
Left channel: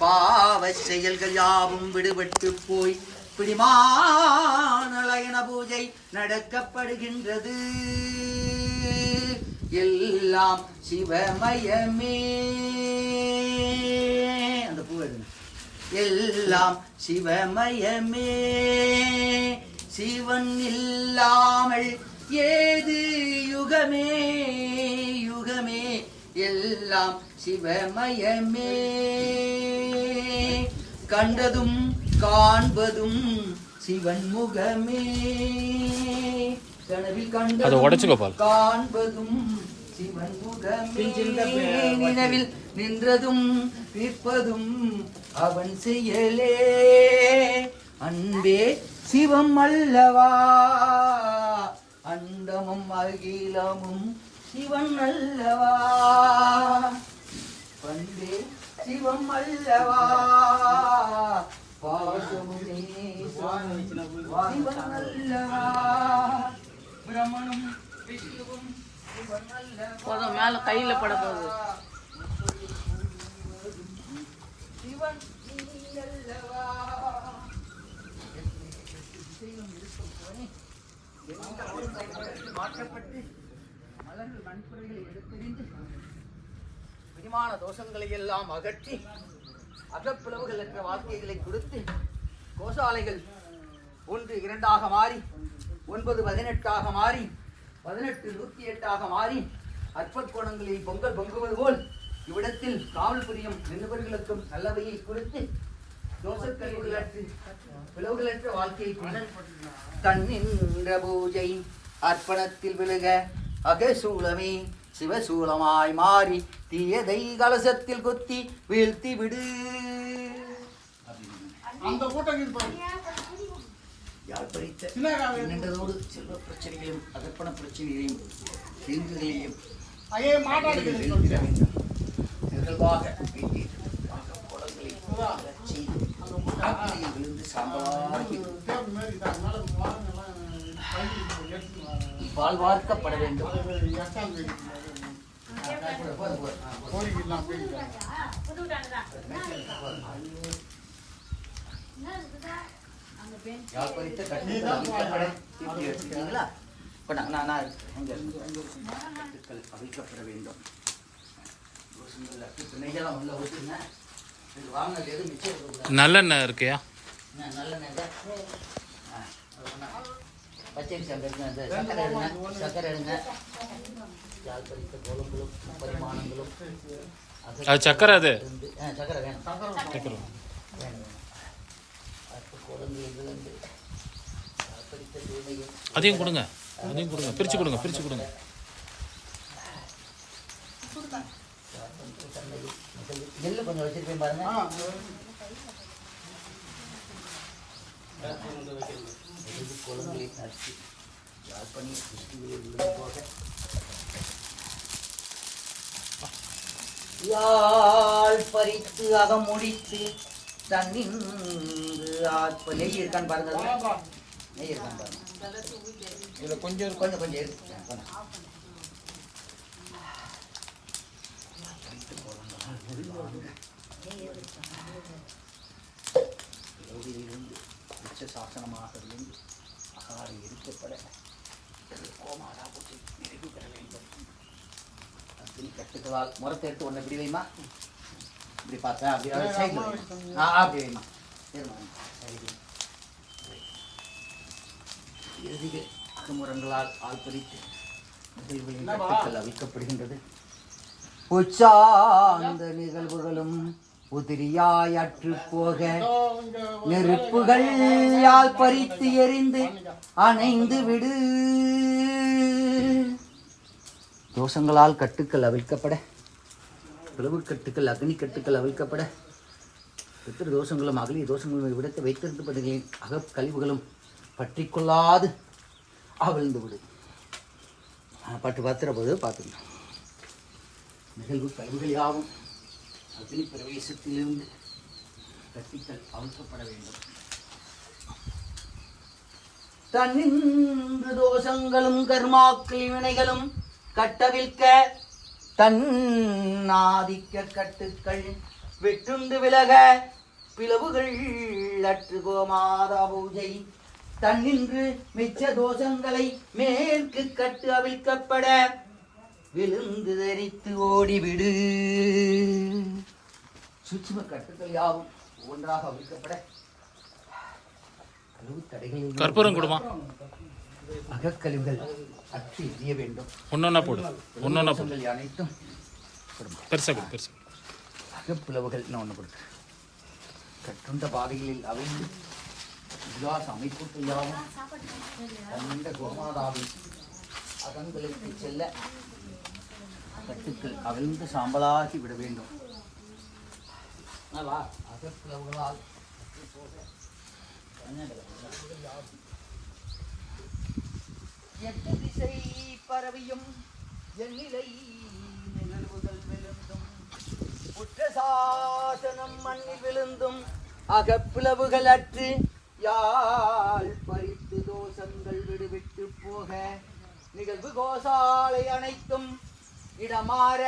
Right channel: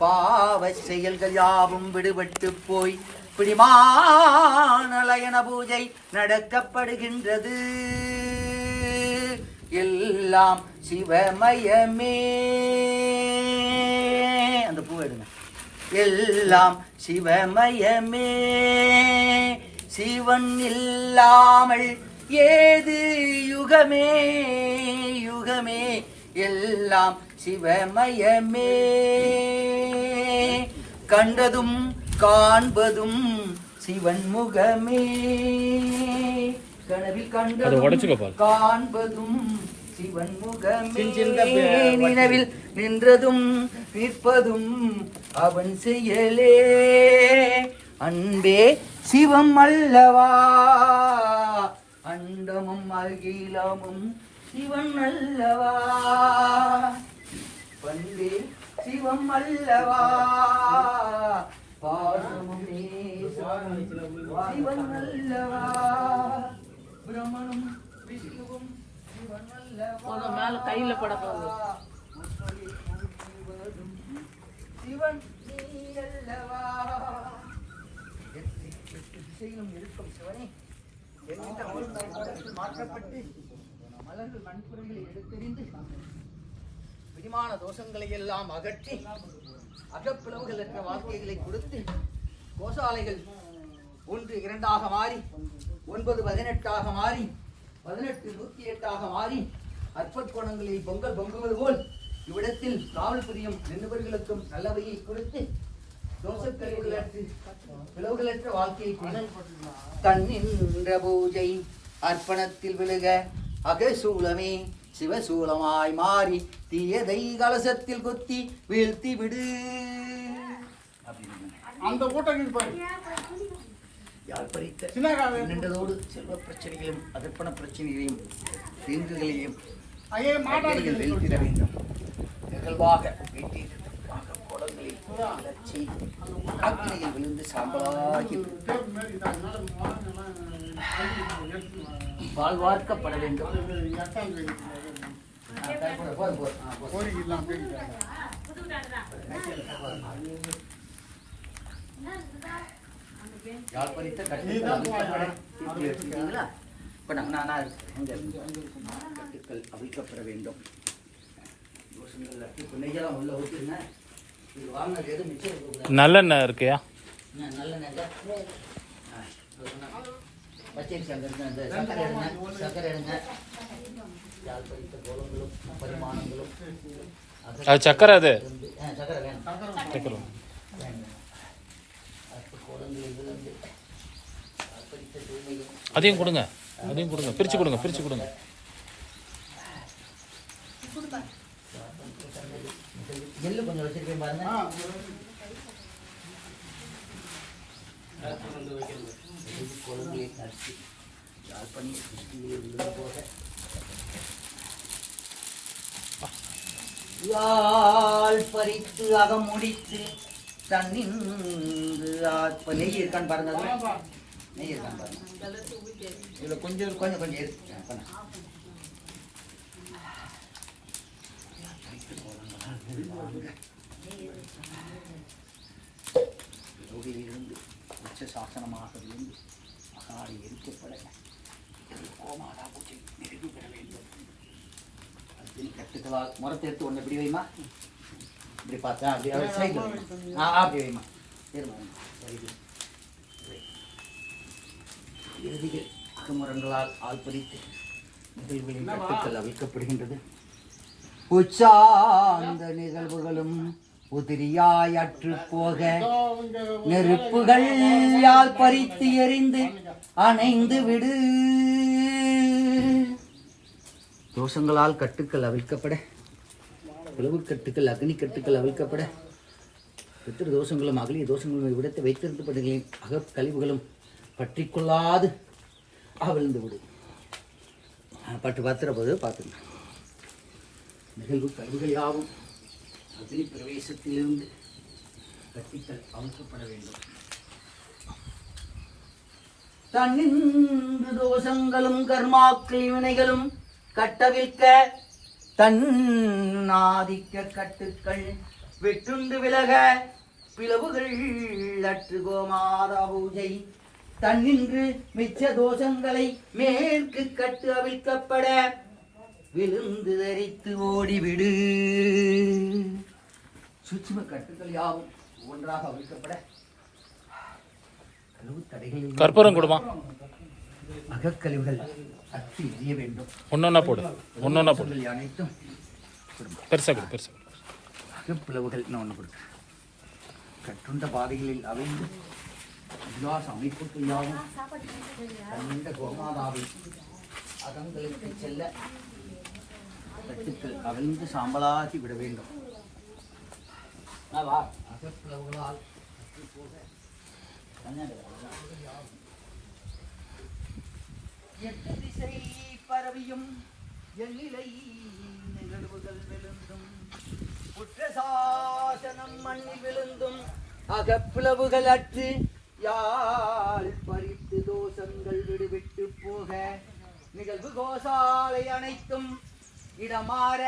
பாவ செயல்கள் யாவும் விடுபட்டு போய் பிடிமானலயன பூஜை நடக்கப்படுகின்றது. எல்லாம் சிவமயமே. அந்த பூ எடுங்க. எல்லாம் சிவமயமே. சிவன் இல்லாமல் ஏது யுகமே யுகமே. எல்லாம் சிவமயமே. கண்டதும் காண்பதும் சிவன் முகமே. கனவில் கண்டதும் காண்பதும் சிவன் முகமே. நினைவில் நின்றதும் நிற்பதும் அவன் செயலே. அன்பே சிவம் அல்லவா. அண்டமும் அகிலமும் சிவன் அல்லவா. பண்டே சிவம் அல்லவா. பாசமும் சிவன் அல்லவா. பிரம்மனும் விஷ்ணுவும் சிவன் அல்லவா. மேல கையில பட போகுது. சிவன் அல்லவா. மாற்றப்பட்டு மலர்கள் மண்புறைகளை எடுத்தெறிந்து விரிமான தோஷங்களை எல்லாம் அகற்றி அகப்பிளவுகள் என்ற வாழ்க்கைகளை கொடுத்து கோசாலைகள் 1 2 மாறி 9 18 மாறி 18 108 மாறி அற்புதங்களில் பொங்கல் பொங்குவது போல் இவ்விடத்தில் காவல் புரியும் நிருபர்களுக்கும் நல்லவையை கொடுத்து தோஷக்கழிவுகளற்று பிளவுகளற்ற வாழ்க்கையை தன்னின்ற பூஜை அர்ப்பணத்தில் விழுக அகசூலமே சிவசூலமாய் மாறி தீயதை கலசத்தில் குத்தி வீழ்த்தி விடு. அந்த கூட்டம் யாழ்பறித்த நின்றதோடு செல்வ பிரச்சனைகளையும் அதர்ப்பண பிரச்சனைகளையும் தீங்குகளையும் வெல்திட வேண்டும். நிகழ்வாக வீட்டில் குளங்களில் வளர்ச்சி அக்னியில் விழுந்து சாம்பலாகி வாழ்வார்க்கப்பட வேண்டும். யாழ்பறித்த கட்டுக்கள் அவிழ்க்கப்பட வேண்டும். நல்லெண்ணெய் இருக்கியா? பச்சரிசி அங்கே எடுங்க, இந்த சக்கரை எடுங்க, சக்கரை எடுங்க. யாழ்பறித்த கோலங்களும் பரிமாணங்களும் அது சக்கரை, அது சக்கரை வேணும், சக்கரை வேணும். கோலங்களில் விழுந்து யாழ்பறித்த தூய்மையும் அதையும் கொடுங்க, அதையும் கொடுங்க, பிரிச்சு கொடுங்க, பிரிச்சு கொடுங்க. நெல்லு கொஞ்சம் வச்சிருக்கேன் பாருங்க. குழந்தையை நடிச்சு யாழ்ப்பணி விழுந்து போக யாழ் பறித்து அகம் முடித்து தன்னின்று ஆத்ம நெய் இருக்கான்னு பாருங்க. நெய் இருக்கான்னு பாருங்க. கொஞ்சம் கொஞ்சம் கொஞ்சம் எடுத்து இருந்து உச்ச சாசனமாக இருந்து அகாடி எரிக்கப்பட கோமாதா பூஜை நிறைவு பெற வேண்டும். அக்னி கட்டுக்களால் முறத்தை எடுத்து ஒன்று இப்படி வைமா, இப்படி பார்த்தேன், அப்படி சைடில் வைமா, அப்படி வைமா, இறுதியில் அகமுரங்களால் ஆள்பறித்து நிகழ்வுகளின் கட்டுக்கள் அவிழ்க்கப்படுகின்றது. உச்சார்ந்த நிகழ்வுகளும் உதிரியாய் அற்று போக நெருப்புகள் யால் பறித்து எரிந்து அணைந்து விடு. தோஷங்களால் கட்டுக்கள் அவிழ்க்கப்பட, பிளவு கட்டுக்கள் அக்னி கட்டுக்கள் அவிழ்க்கப்பட, பித்திரு தோஷங்களும் அகலிய தோஷங்களும் இவ்விடத்தை வைத்திருந்தபடிகளின் அகக்கழிவுகளும் பற்றி கொள்ளாது அவிழ்ந்து விடு. பட்டு பத்திரப்போது பார்த்துக்கணும். நிகழ்வு கழிவுகள் யாவும் அக்னி பிரவேசத்திலிருந்து கட்டிகள் அவிழ்க்கப்பட வேண்டும். தன்னின்று தோஷங்களும் கர்மாக்கள் வினைகளும் கட்டவிழ்க்க தன்னாதிக்க கட்டுக்கள் வெட்டுண்டு விலக பிளவுகள் அற்று கோமாதா பூஜை தன்னின்று மிச்ச தோஷங்களை மேற்கு கட்டு அவிழ்க்கப்பட விழுந்து தரித்து ஓடிவிடு. சூட்சும கட்டுக்கள் யாவும் ஒன்றாக அவிழ்க்கப்பட தடைகள் கற்பூரம் கொடுமா, அகக்கழிவுகள் அற்று எரிய வேண்டும். ஒன்னொன்னா போடு, ஒன்னொன்னா போடு. அனைத்தும் பெருசா கொடு, பெருசா கொடு. அகப்பிளவுகள் ஒன்று கொடுத்து கட்டுண்ட பாதைகளில் அவிழ்ந்து விசுவாச அமைப்புக்கு யாவும் தன்னிட கோமாதாவை அகங்களுக்கு செல்ல கட்டுக்கள் அவிழ்ந்து சாம்பலாகி விட வேண்டும். அகப்பிளவுகளால் எட்டு திசை பரவியும் எண்ணிலை நிகழ்வுகள் விழுந்தும் குற்றசாசனம் மண்ணில் விழுந்தும் அகப்பிளவுகள் அற்று யாழ் பறித்து தோஷங்கள் விடுவிட்டு போக நிகழ்வு கோசாலை அனைத்தும் இடமாற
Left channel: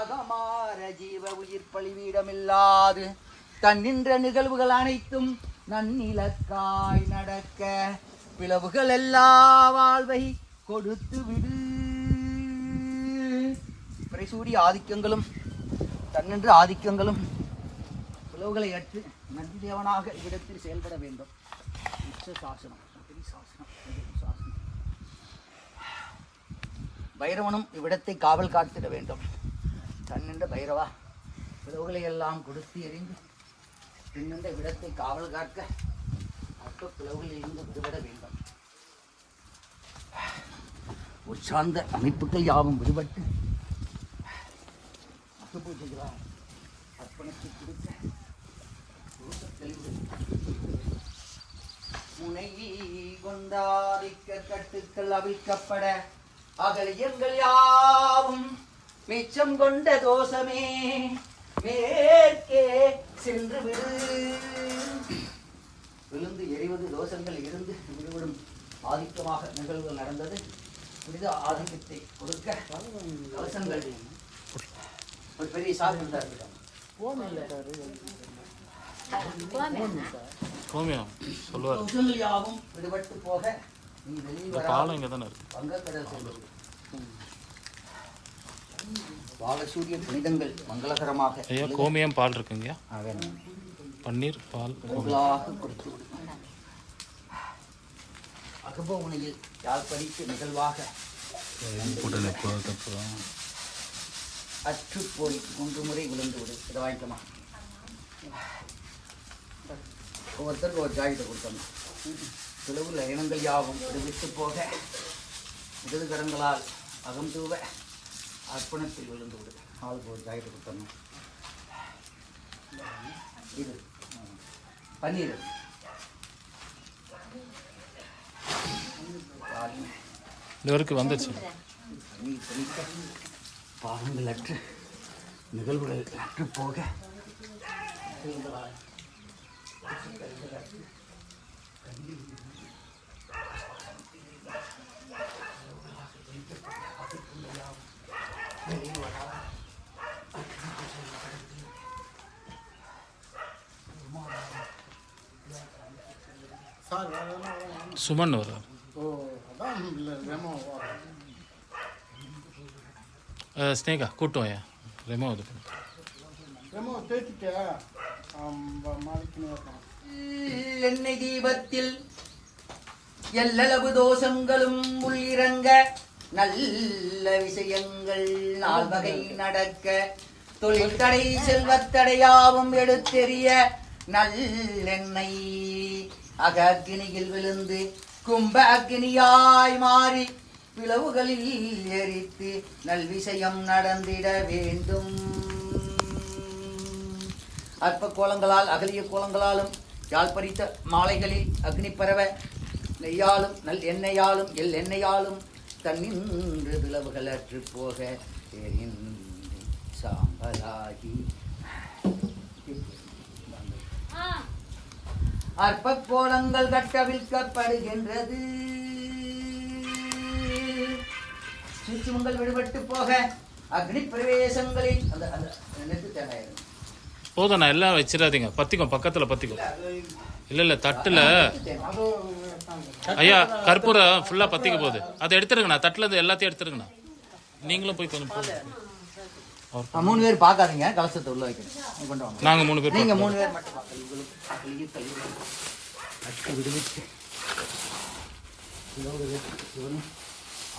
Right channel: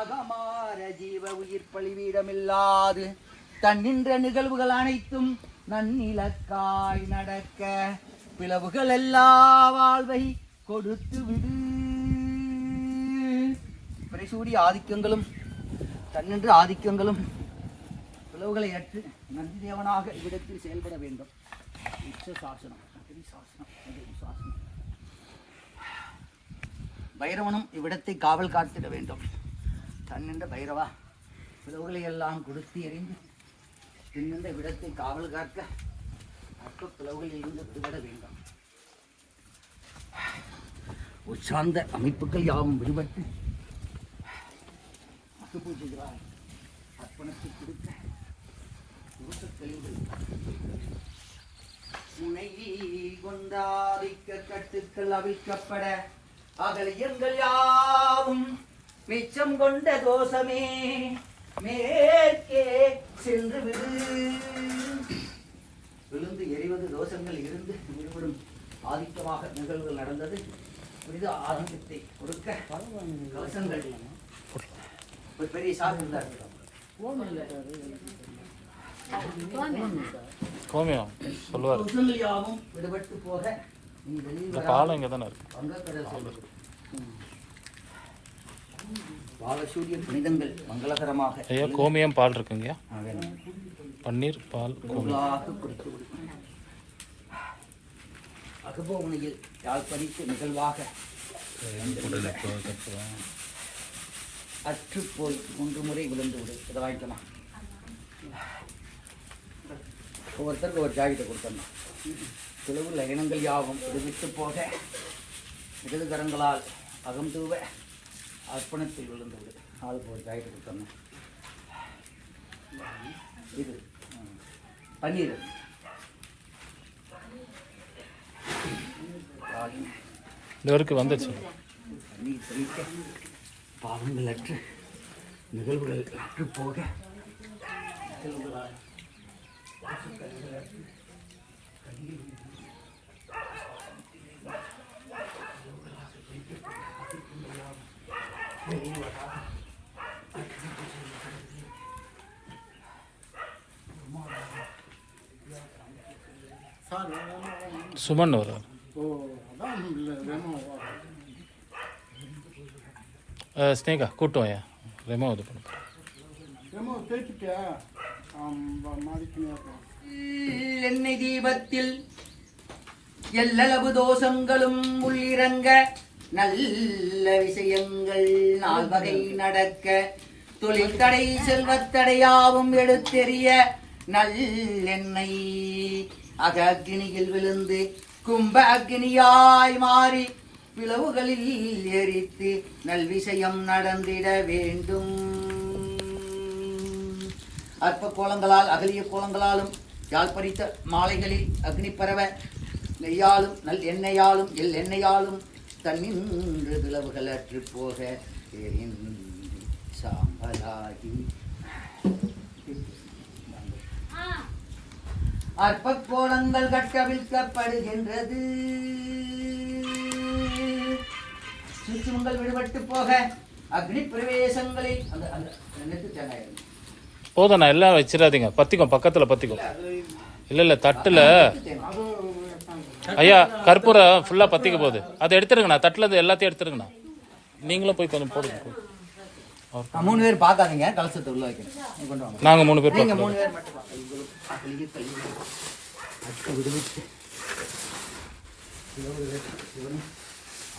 அகமாற ஜீவ உயிர் பழிவீடமில்லாது தன்னின்ற நிகழ்வுகள் அனைத்தும் நன்னிலக்காய் நடக்க பிளவுகள் எல்லா வாழ்வை கொடுத்து விடு. பிரசூரிய ஆதிக்கங்களும் தன்னின்று ஆதிக்கங்களும் பிளவுகளை அற்று நந்தி தேவனாக இவ்விடத்தில் செயல்பட வேண்டும். சாசனம் சாசனம் பைரவனும் இவ்விடத்தை காவல் காத்திட வேண்டும். தன்னின்ற பைரவா பிளவுகளை எல்லாம் கொடுத்து எறிந்து பின்னின்ற இவ்விடத்தை காவல் காக்க அக்க பிளவுகளில் இருந்து விடுபட வேண்டும். உற்சார்ந்த அமைப்புகள் யாவும் விடுபட்டு பூஜைகளால் அர்ப்பணித்து கொடுக்க முனை கொண்டாதிக்க கட்டுக்கள் அவிழ்க்கப்பட அகலியங்கள் யாவும் மிச்சம் கொண்ட தோஷமே மேற்கே சென்று விடு. விழுந்து எறிவது தோஷங்கள் இருந்து விடுபடும் ஆதிக்கமாக நிகழ்வுகள் நடந்தது. புனித ஆதிக்கத்தை கொடுக்க தோஷங்கள் ஒரு பெரிய சாமி இருந்தார். கோமியம் சொல்லுவார். தோஷங்கள் யாவும் விடுபட்டு போக நீ வெளியே பாலம் இங்கே தானே இருக்கு. வங்கக்கடல் செல்வது பாலசூரிய புனிதங்கள் மங்களகரமாக ஐயா கோமியம் பால் இருக்குங்க, வேணும். பன்னீர் பால் கொடுத்து அகபோமனையில் யாழ்ப்பறித்து நிகழ்வாக அற்று போய் 3 முறை விழுந்து விடு. இதை வாங்கிக்கமா, ஒவ்வொருத்தருக்கு ஒரு ஜாக்கெட்டை கொடுத்தோம். பிளவு லயனங்கள் யாவும் விடுவிட்டு போக இடது கரங்களால் அகம் தூவ அர்ப்பணத்தில் விழுந்து விடு. ஆளுக்கு ஒரு ஜாக்கெட்டை கொடுத்தோம். இது பன்னீர் இது வரைக்கும் வந்துச்சு. பன்னீர் தெளிக்க பாவங்கள் அற்று நிகழ்வுகள் அற்று போக நிகழ்வுகளால் சுமன் வரும். ஸ்னேகா கூட்டம் ஐயா ரெமோ இது பண்ண எண்ணெய் தீபத்தில் எல்லளவு தோஷங்களும் உள்ளிறங்க நல்ல விஷயங்கள் 4 வகை நடக்க தொழில்தடை செல்வத்தடையாவும் எடுத்தெறிய நல்லெண்ணெய் அகக்கினியில் விழுந்து கும்ப அக்னியாய் மாறி பிளவுகளில் எரித்து நல்விஷயம் நடந்திட வேண்டும். அற்ப கோலங்களால் அகலிய கோலங்களாலும் யாழ் பறித்த மாலைகளில் அக்னி பரவ நெய்யாலும் நல் எண்ணெயாலும் எண்ணெயாலும் தன்னின்று பிளவுகள் அற்று போக சாம்பலாகி அற்ப கோலங்கள் கட்டவிழ்க்கப்படுகின்றது. சுற்றுமங்கள் விடுபட்டு போக அக்னி பிரவேசங்களில் அந்த நெட்டு தேங்காய் போதும், நான் எல்லாம் வச்சிடாதீங்க, பத்திக்கும் பக்கத்துல பத்திக்கும். இல்ல தட்டுல ஐயா கற்பூரம் ஃபுல்லா பத்திக்க போகுது, அதை எடுத்துருங்கண்ணா. தட்டுல இருந்து எல்லாத்தையும் எடுத்துருங்கண்ணா. நீங்களும் போய் கொஞ்சம் போடுங்க. 3 பேர் பார்க்காதீங்க, கலசத்தை உள்ள வைக்கணும். கொண்டு வாங்க. நாங்க 3 பேர் நீங்க 3 பேர் மட்டும்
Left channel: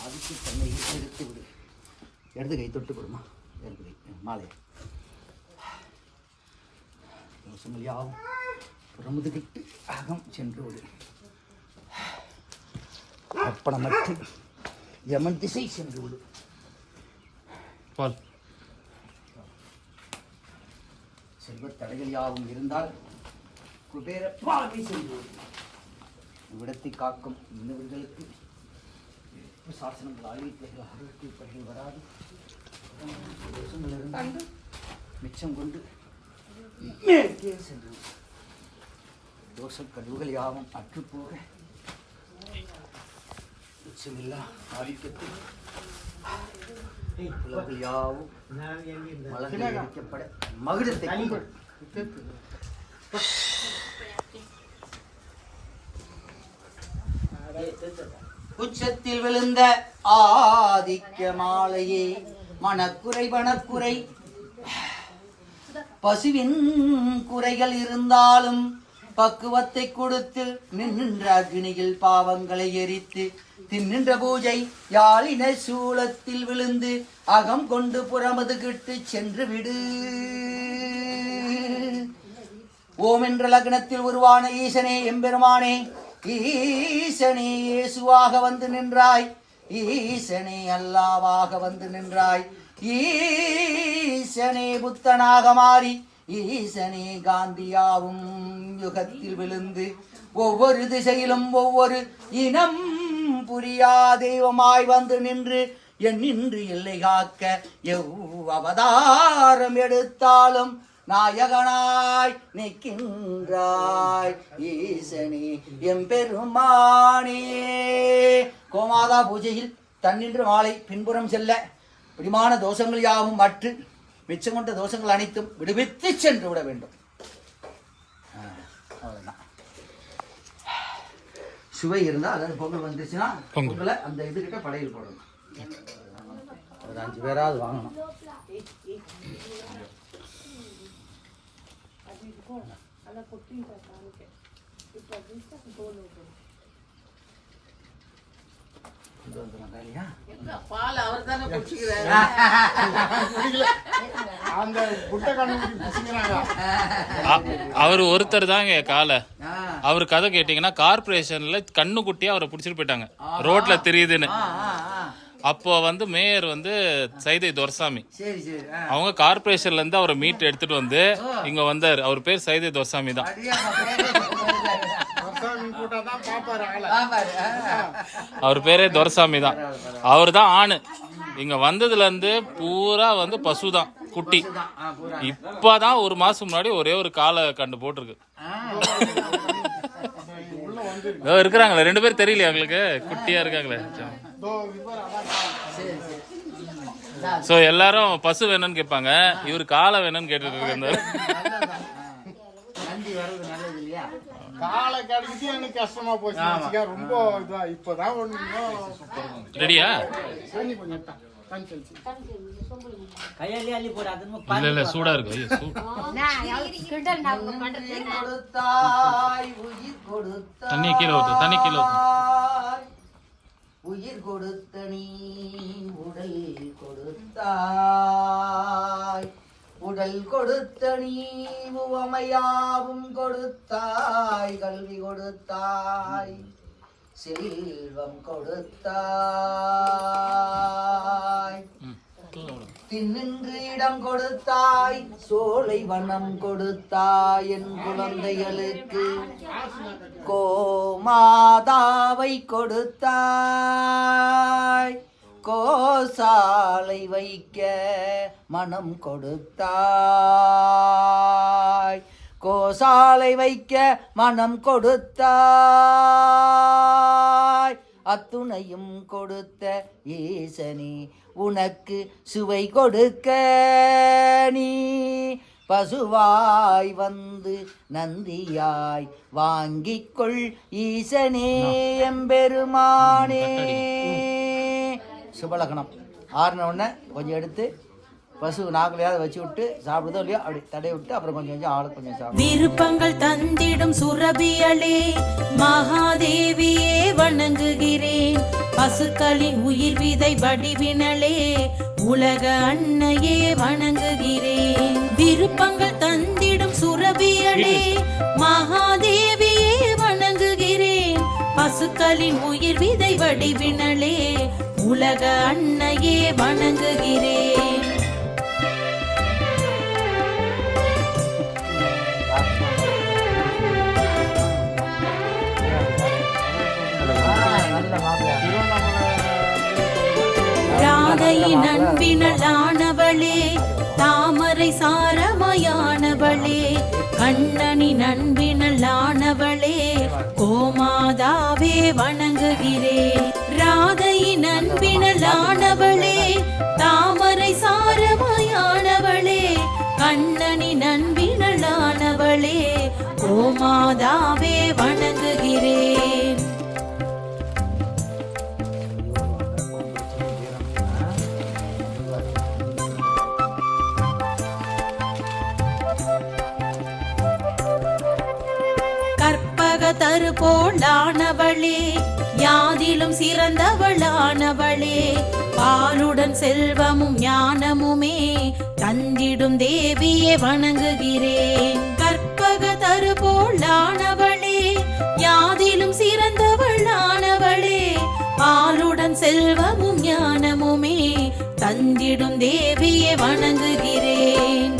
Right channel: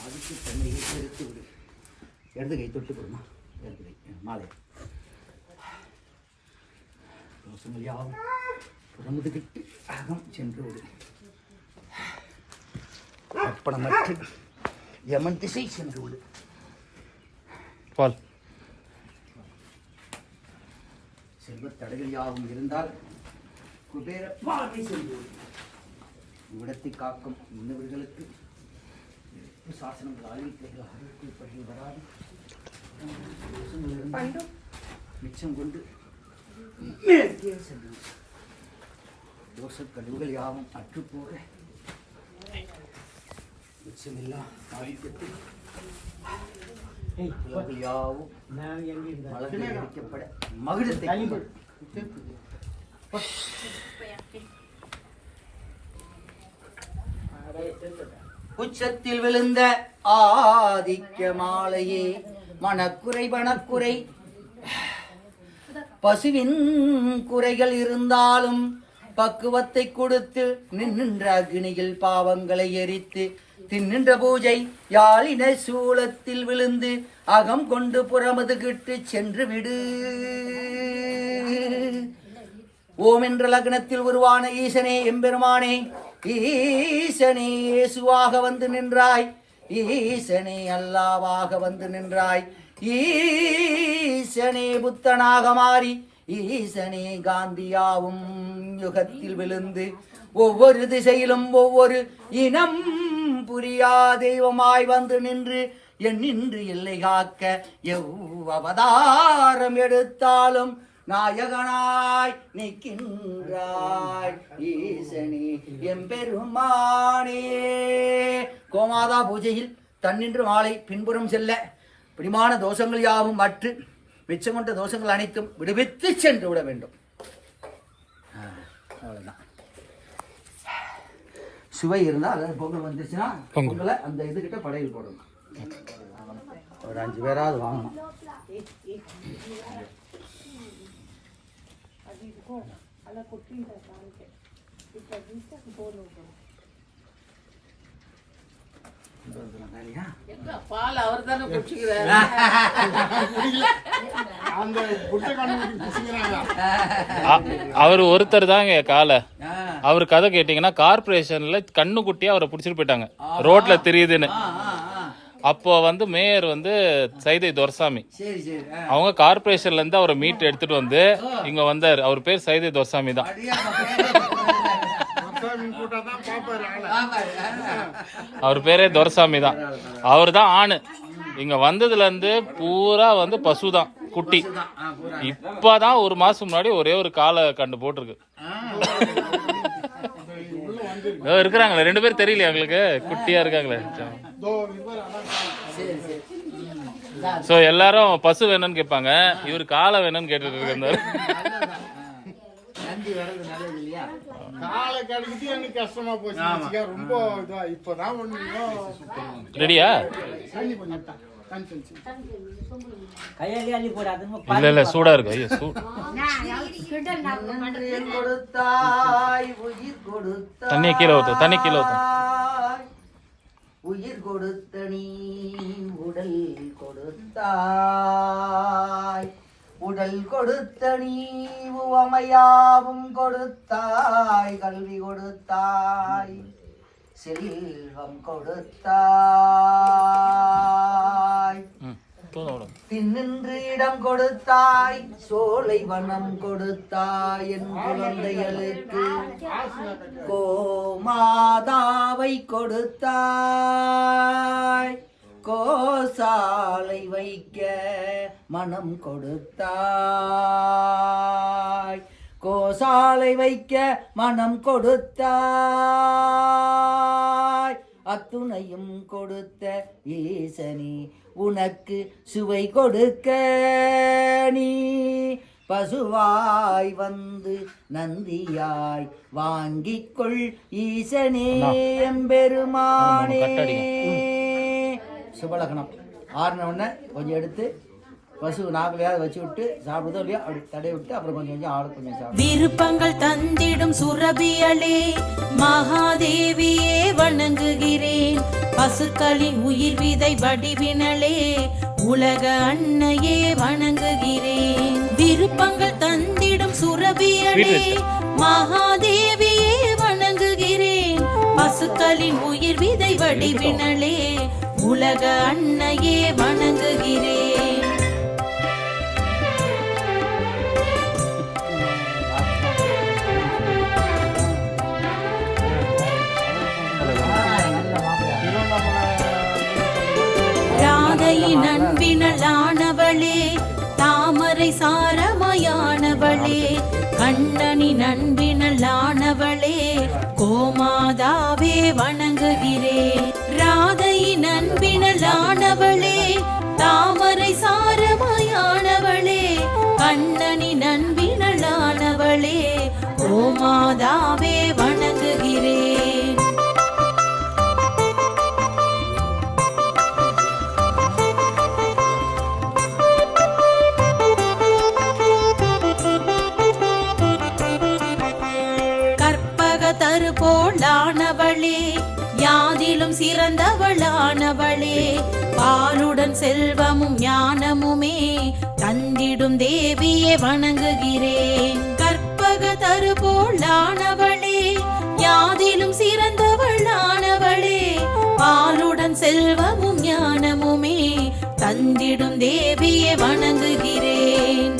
அதுக்கு தன்னை எடுத்து விடு. இடது கை தொட்டு கொடுமா. இடது கை மாலை தோஷங்கள் யாவும் புறமுதுகிட்டு அகம் சென்று விடு. அர்ப்பணமற்று யமன் திசை சென்று விடு. பால் செல்வத்தடைகள் யாவும் இருந்தால் குபேர வாழ்வை செய்வோம். இவ்விடத்தை காக்கும் இன்னவர்களுக்கு சாசனங்கள் அறிவிப்பைகள் வராது. தோஷங்கள் இருந்தால் மிச்சம் கொண்டு மேற்கே சென்று தோஷ கழிவுகள் யாவும் அற்றுப்போக மிச்சமில்லா ஆதிக்கத்தில் புலங்கள் யாவும் மலர்கள் எரிக்கப்பட மகிழத்தை உச்சத்தில் விழுந்த ஆதிக்க மாலையே மனக்குறை வனக்குறை பசுவின் குறைகள் இருந்தாலும் பக்குவத்தை கொடுத்து நின்ற அக்னியில் பாவங்களை எரித்து தின்னின்ற பூஜை யாழின சூலத்தில் விழுந்து அகம் கொண்டு புறமதுகிட்டு சென்று விடு. ஓம் என்ற லக்னத்தில் உருவான ஈசனே எம்பெருமானே, ஈசனே இயேசுவாக வந்து நின்றாய், ஈசனே அல்லாவாக வந்து நின்றாய், ஈசனே புத்தனாக மாறி ஈசனே காந்தியாவும் யுகத்தில் விழுந்து ஒவ்வொரு திசையிலும் ஒவ்வொரு இனம் புரியா தெய்வமாய் வந்து நின்று நின்று எல்லை காக்க அவதாரம் எடுத்தாலும் நாயகனாய் நிற்கின்றாய் ஈசனே எம்பெருமானே. கோமாதா பூஜையில் தன்னின்று மாலை பின்புறம் செல்ல பிரிமான தோஷங்கள் யாவும் மற்று மிச்சம் கொண்ட தோஷங்கள் அனைத்தும் விடுவித்து சென்று விட வேண்டும். அவ்வளவுதான். சுவை இருந்தால் அதாவது பொங்கல் வந்துச்சுன்னா பொங்கலை அந்த இதுகிட்ட படையில் போடணும். ஒரு 5 பேராவது வாங்கணும். அவர் ஒருத்தர் தாங்க காலை. அவர் கதை கேட்டீங்கன்னா கார்பரேஷன்ல கண்ணு குட்டியா அவரை பிடிச்சிட்டு போயிட்டாங்க, ரோட்ல தெரியுதுன்னு. அப்போ வந்து மேயர் வந்து சைதை துரசாமி, அவங்க கார்பரேஷன்ல இருந்து அவரை மீட் எடுத்துட்டு வந்து இங்க வந்தாரு. அவர் பேர் சைதை துரசாமி தான். அவர் பேரே துரசாமி தான். அவர் தான் ஆணு. இங்க வந்ததுல இருந்து பூரா வந்து பசுதான், குட்டி. இப்பதான் 1 மாசம் முன்னாடி ஒரே ஒரு காலை கண்டு போட்டிருக்கு. இருக்கிறாங்களே 2 பேர், தெரியலையா உங்களுக்கு? குட்டியா இருக்காங்களே. சோ எல்லாரும் பசு வேணும்னு கேட்பாங்க, இவரு காலை வேணும்னு கேட்டுட்டு இருக்காரு. ரெடியா? கையாலே அள்ளி போடாது இல்ல சூடா இருக்கு ஐயோ கொடுத்தாய் உயிர் கொடுத்தாய் தண்ணி கீழே ஊத்து உயிர் கொடுத்த நீ உடல் கொடுத்தாய் உடல் கொடுத்த நீ உவமையாவும் கொடுத்தாய் கல்வி கொடுத்தாய் செல்வம் கொடுத்தாய் பின்னின்று இடம் கொடுத்தாய் சோலை வனம் கொடுத்தாய் என் குழந்தைகளுக்கு கோமாதாவை கொடுத்தாய் கோசாலை வைக்க மனம் கொடுத்தாய் கோசாலை வைக்க மனம் கொடுத்தாய் அத்துணையும் கொடுத்த ஈசனே உனக்கு சுவை கொடுக்க நீ பசுவாய் வந்து நந்தியாய் வாங்கிக்கொள் ஈசனே எம்பெருமானே. சுபலகணம் ஆறுன உடனே கொஞ்சம் எடுத்து பசு நாக்குலையாவது வச்சு விட்டு சாப்பிடுதோ இல்லையோ அப்படி தடை விட்டு அப்புறம் கொஞ்சம் கொஞ்சம் ஆளு கொஞ்சம் சாப்பிடும். விருப்பங்கள் தந்திடும் சுரபியளே மகாதேவியே வணங்குகிறேன். பசுக்களின் உயிர் விதை வடிவினளே உலக அன்னையே வணங்குகிறேன். விருப்பங்கள் தந்திடும் சுரபியளே மகாதேவியே வணங்குகிறேன். பசுக்களின் உயிர் விதை வடிவினளே உலக அன்னையே வணங்குகிறேன். ராதையின் அன்பினளானவளே தாமரை சாரமயானவளே கண்ணனின் அன்பினளானவளே கோமாதாவே வணங்குகிறேன். ராதையின் அன்பினளானவளே தாமரை சாரமயானவளே கண்ணனின் அன்பினளானவளே கோமாதாவே வணங்குகிறேன். தருபோளானவளே யாதிலும் சிறந்தவளானவளே பாலுடன் செல்வமும் ஞானமுமே தந்திடும் தேவியே வணங்குகிறேன். கற்பக தருபோளானவளே யாதிலும் சிறந்தவளானவளே பாலுடன் செல்வமும் ஞானமுமே தந்திடும் தேவியே வணங்குகிறேன்.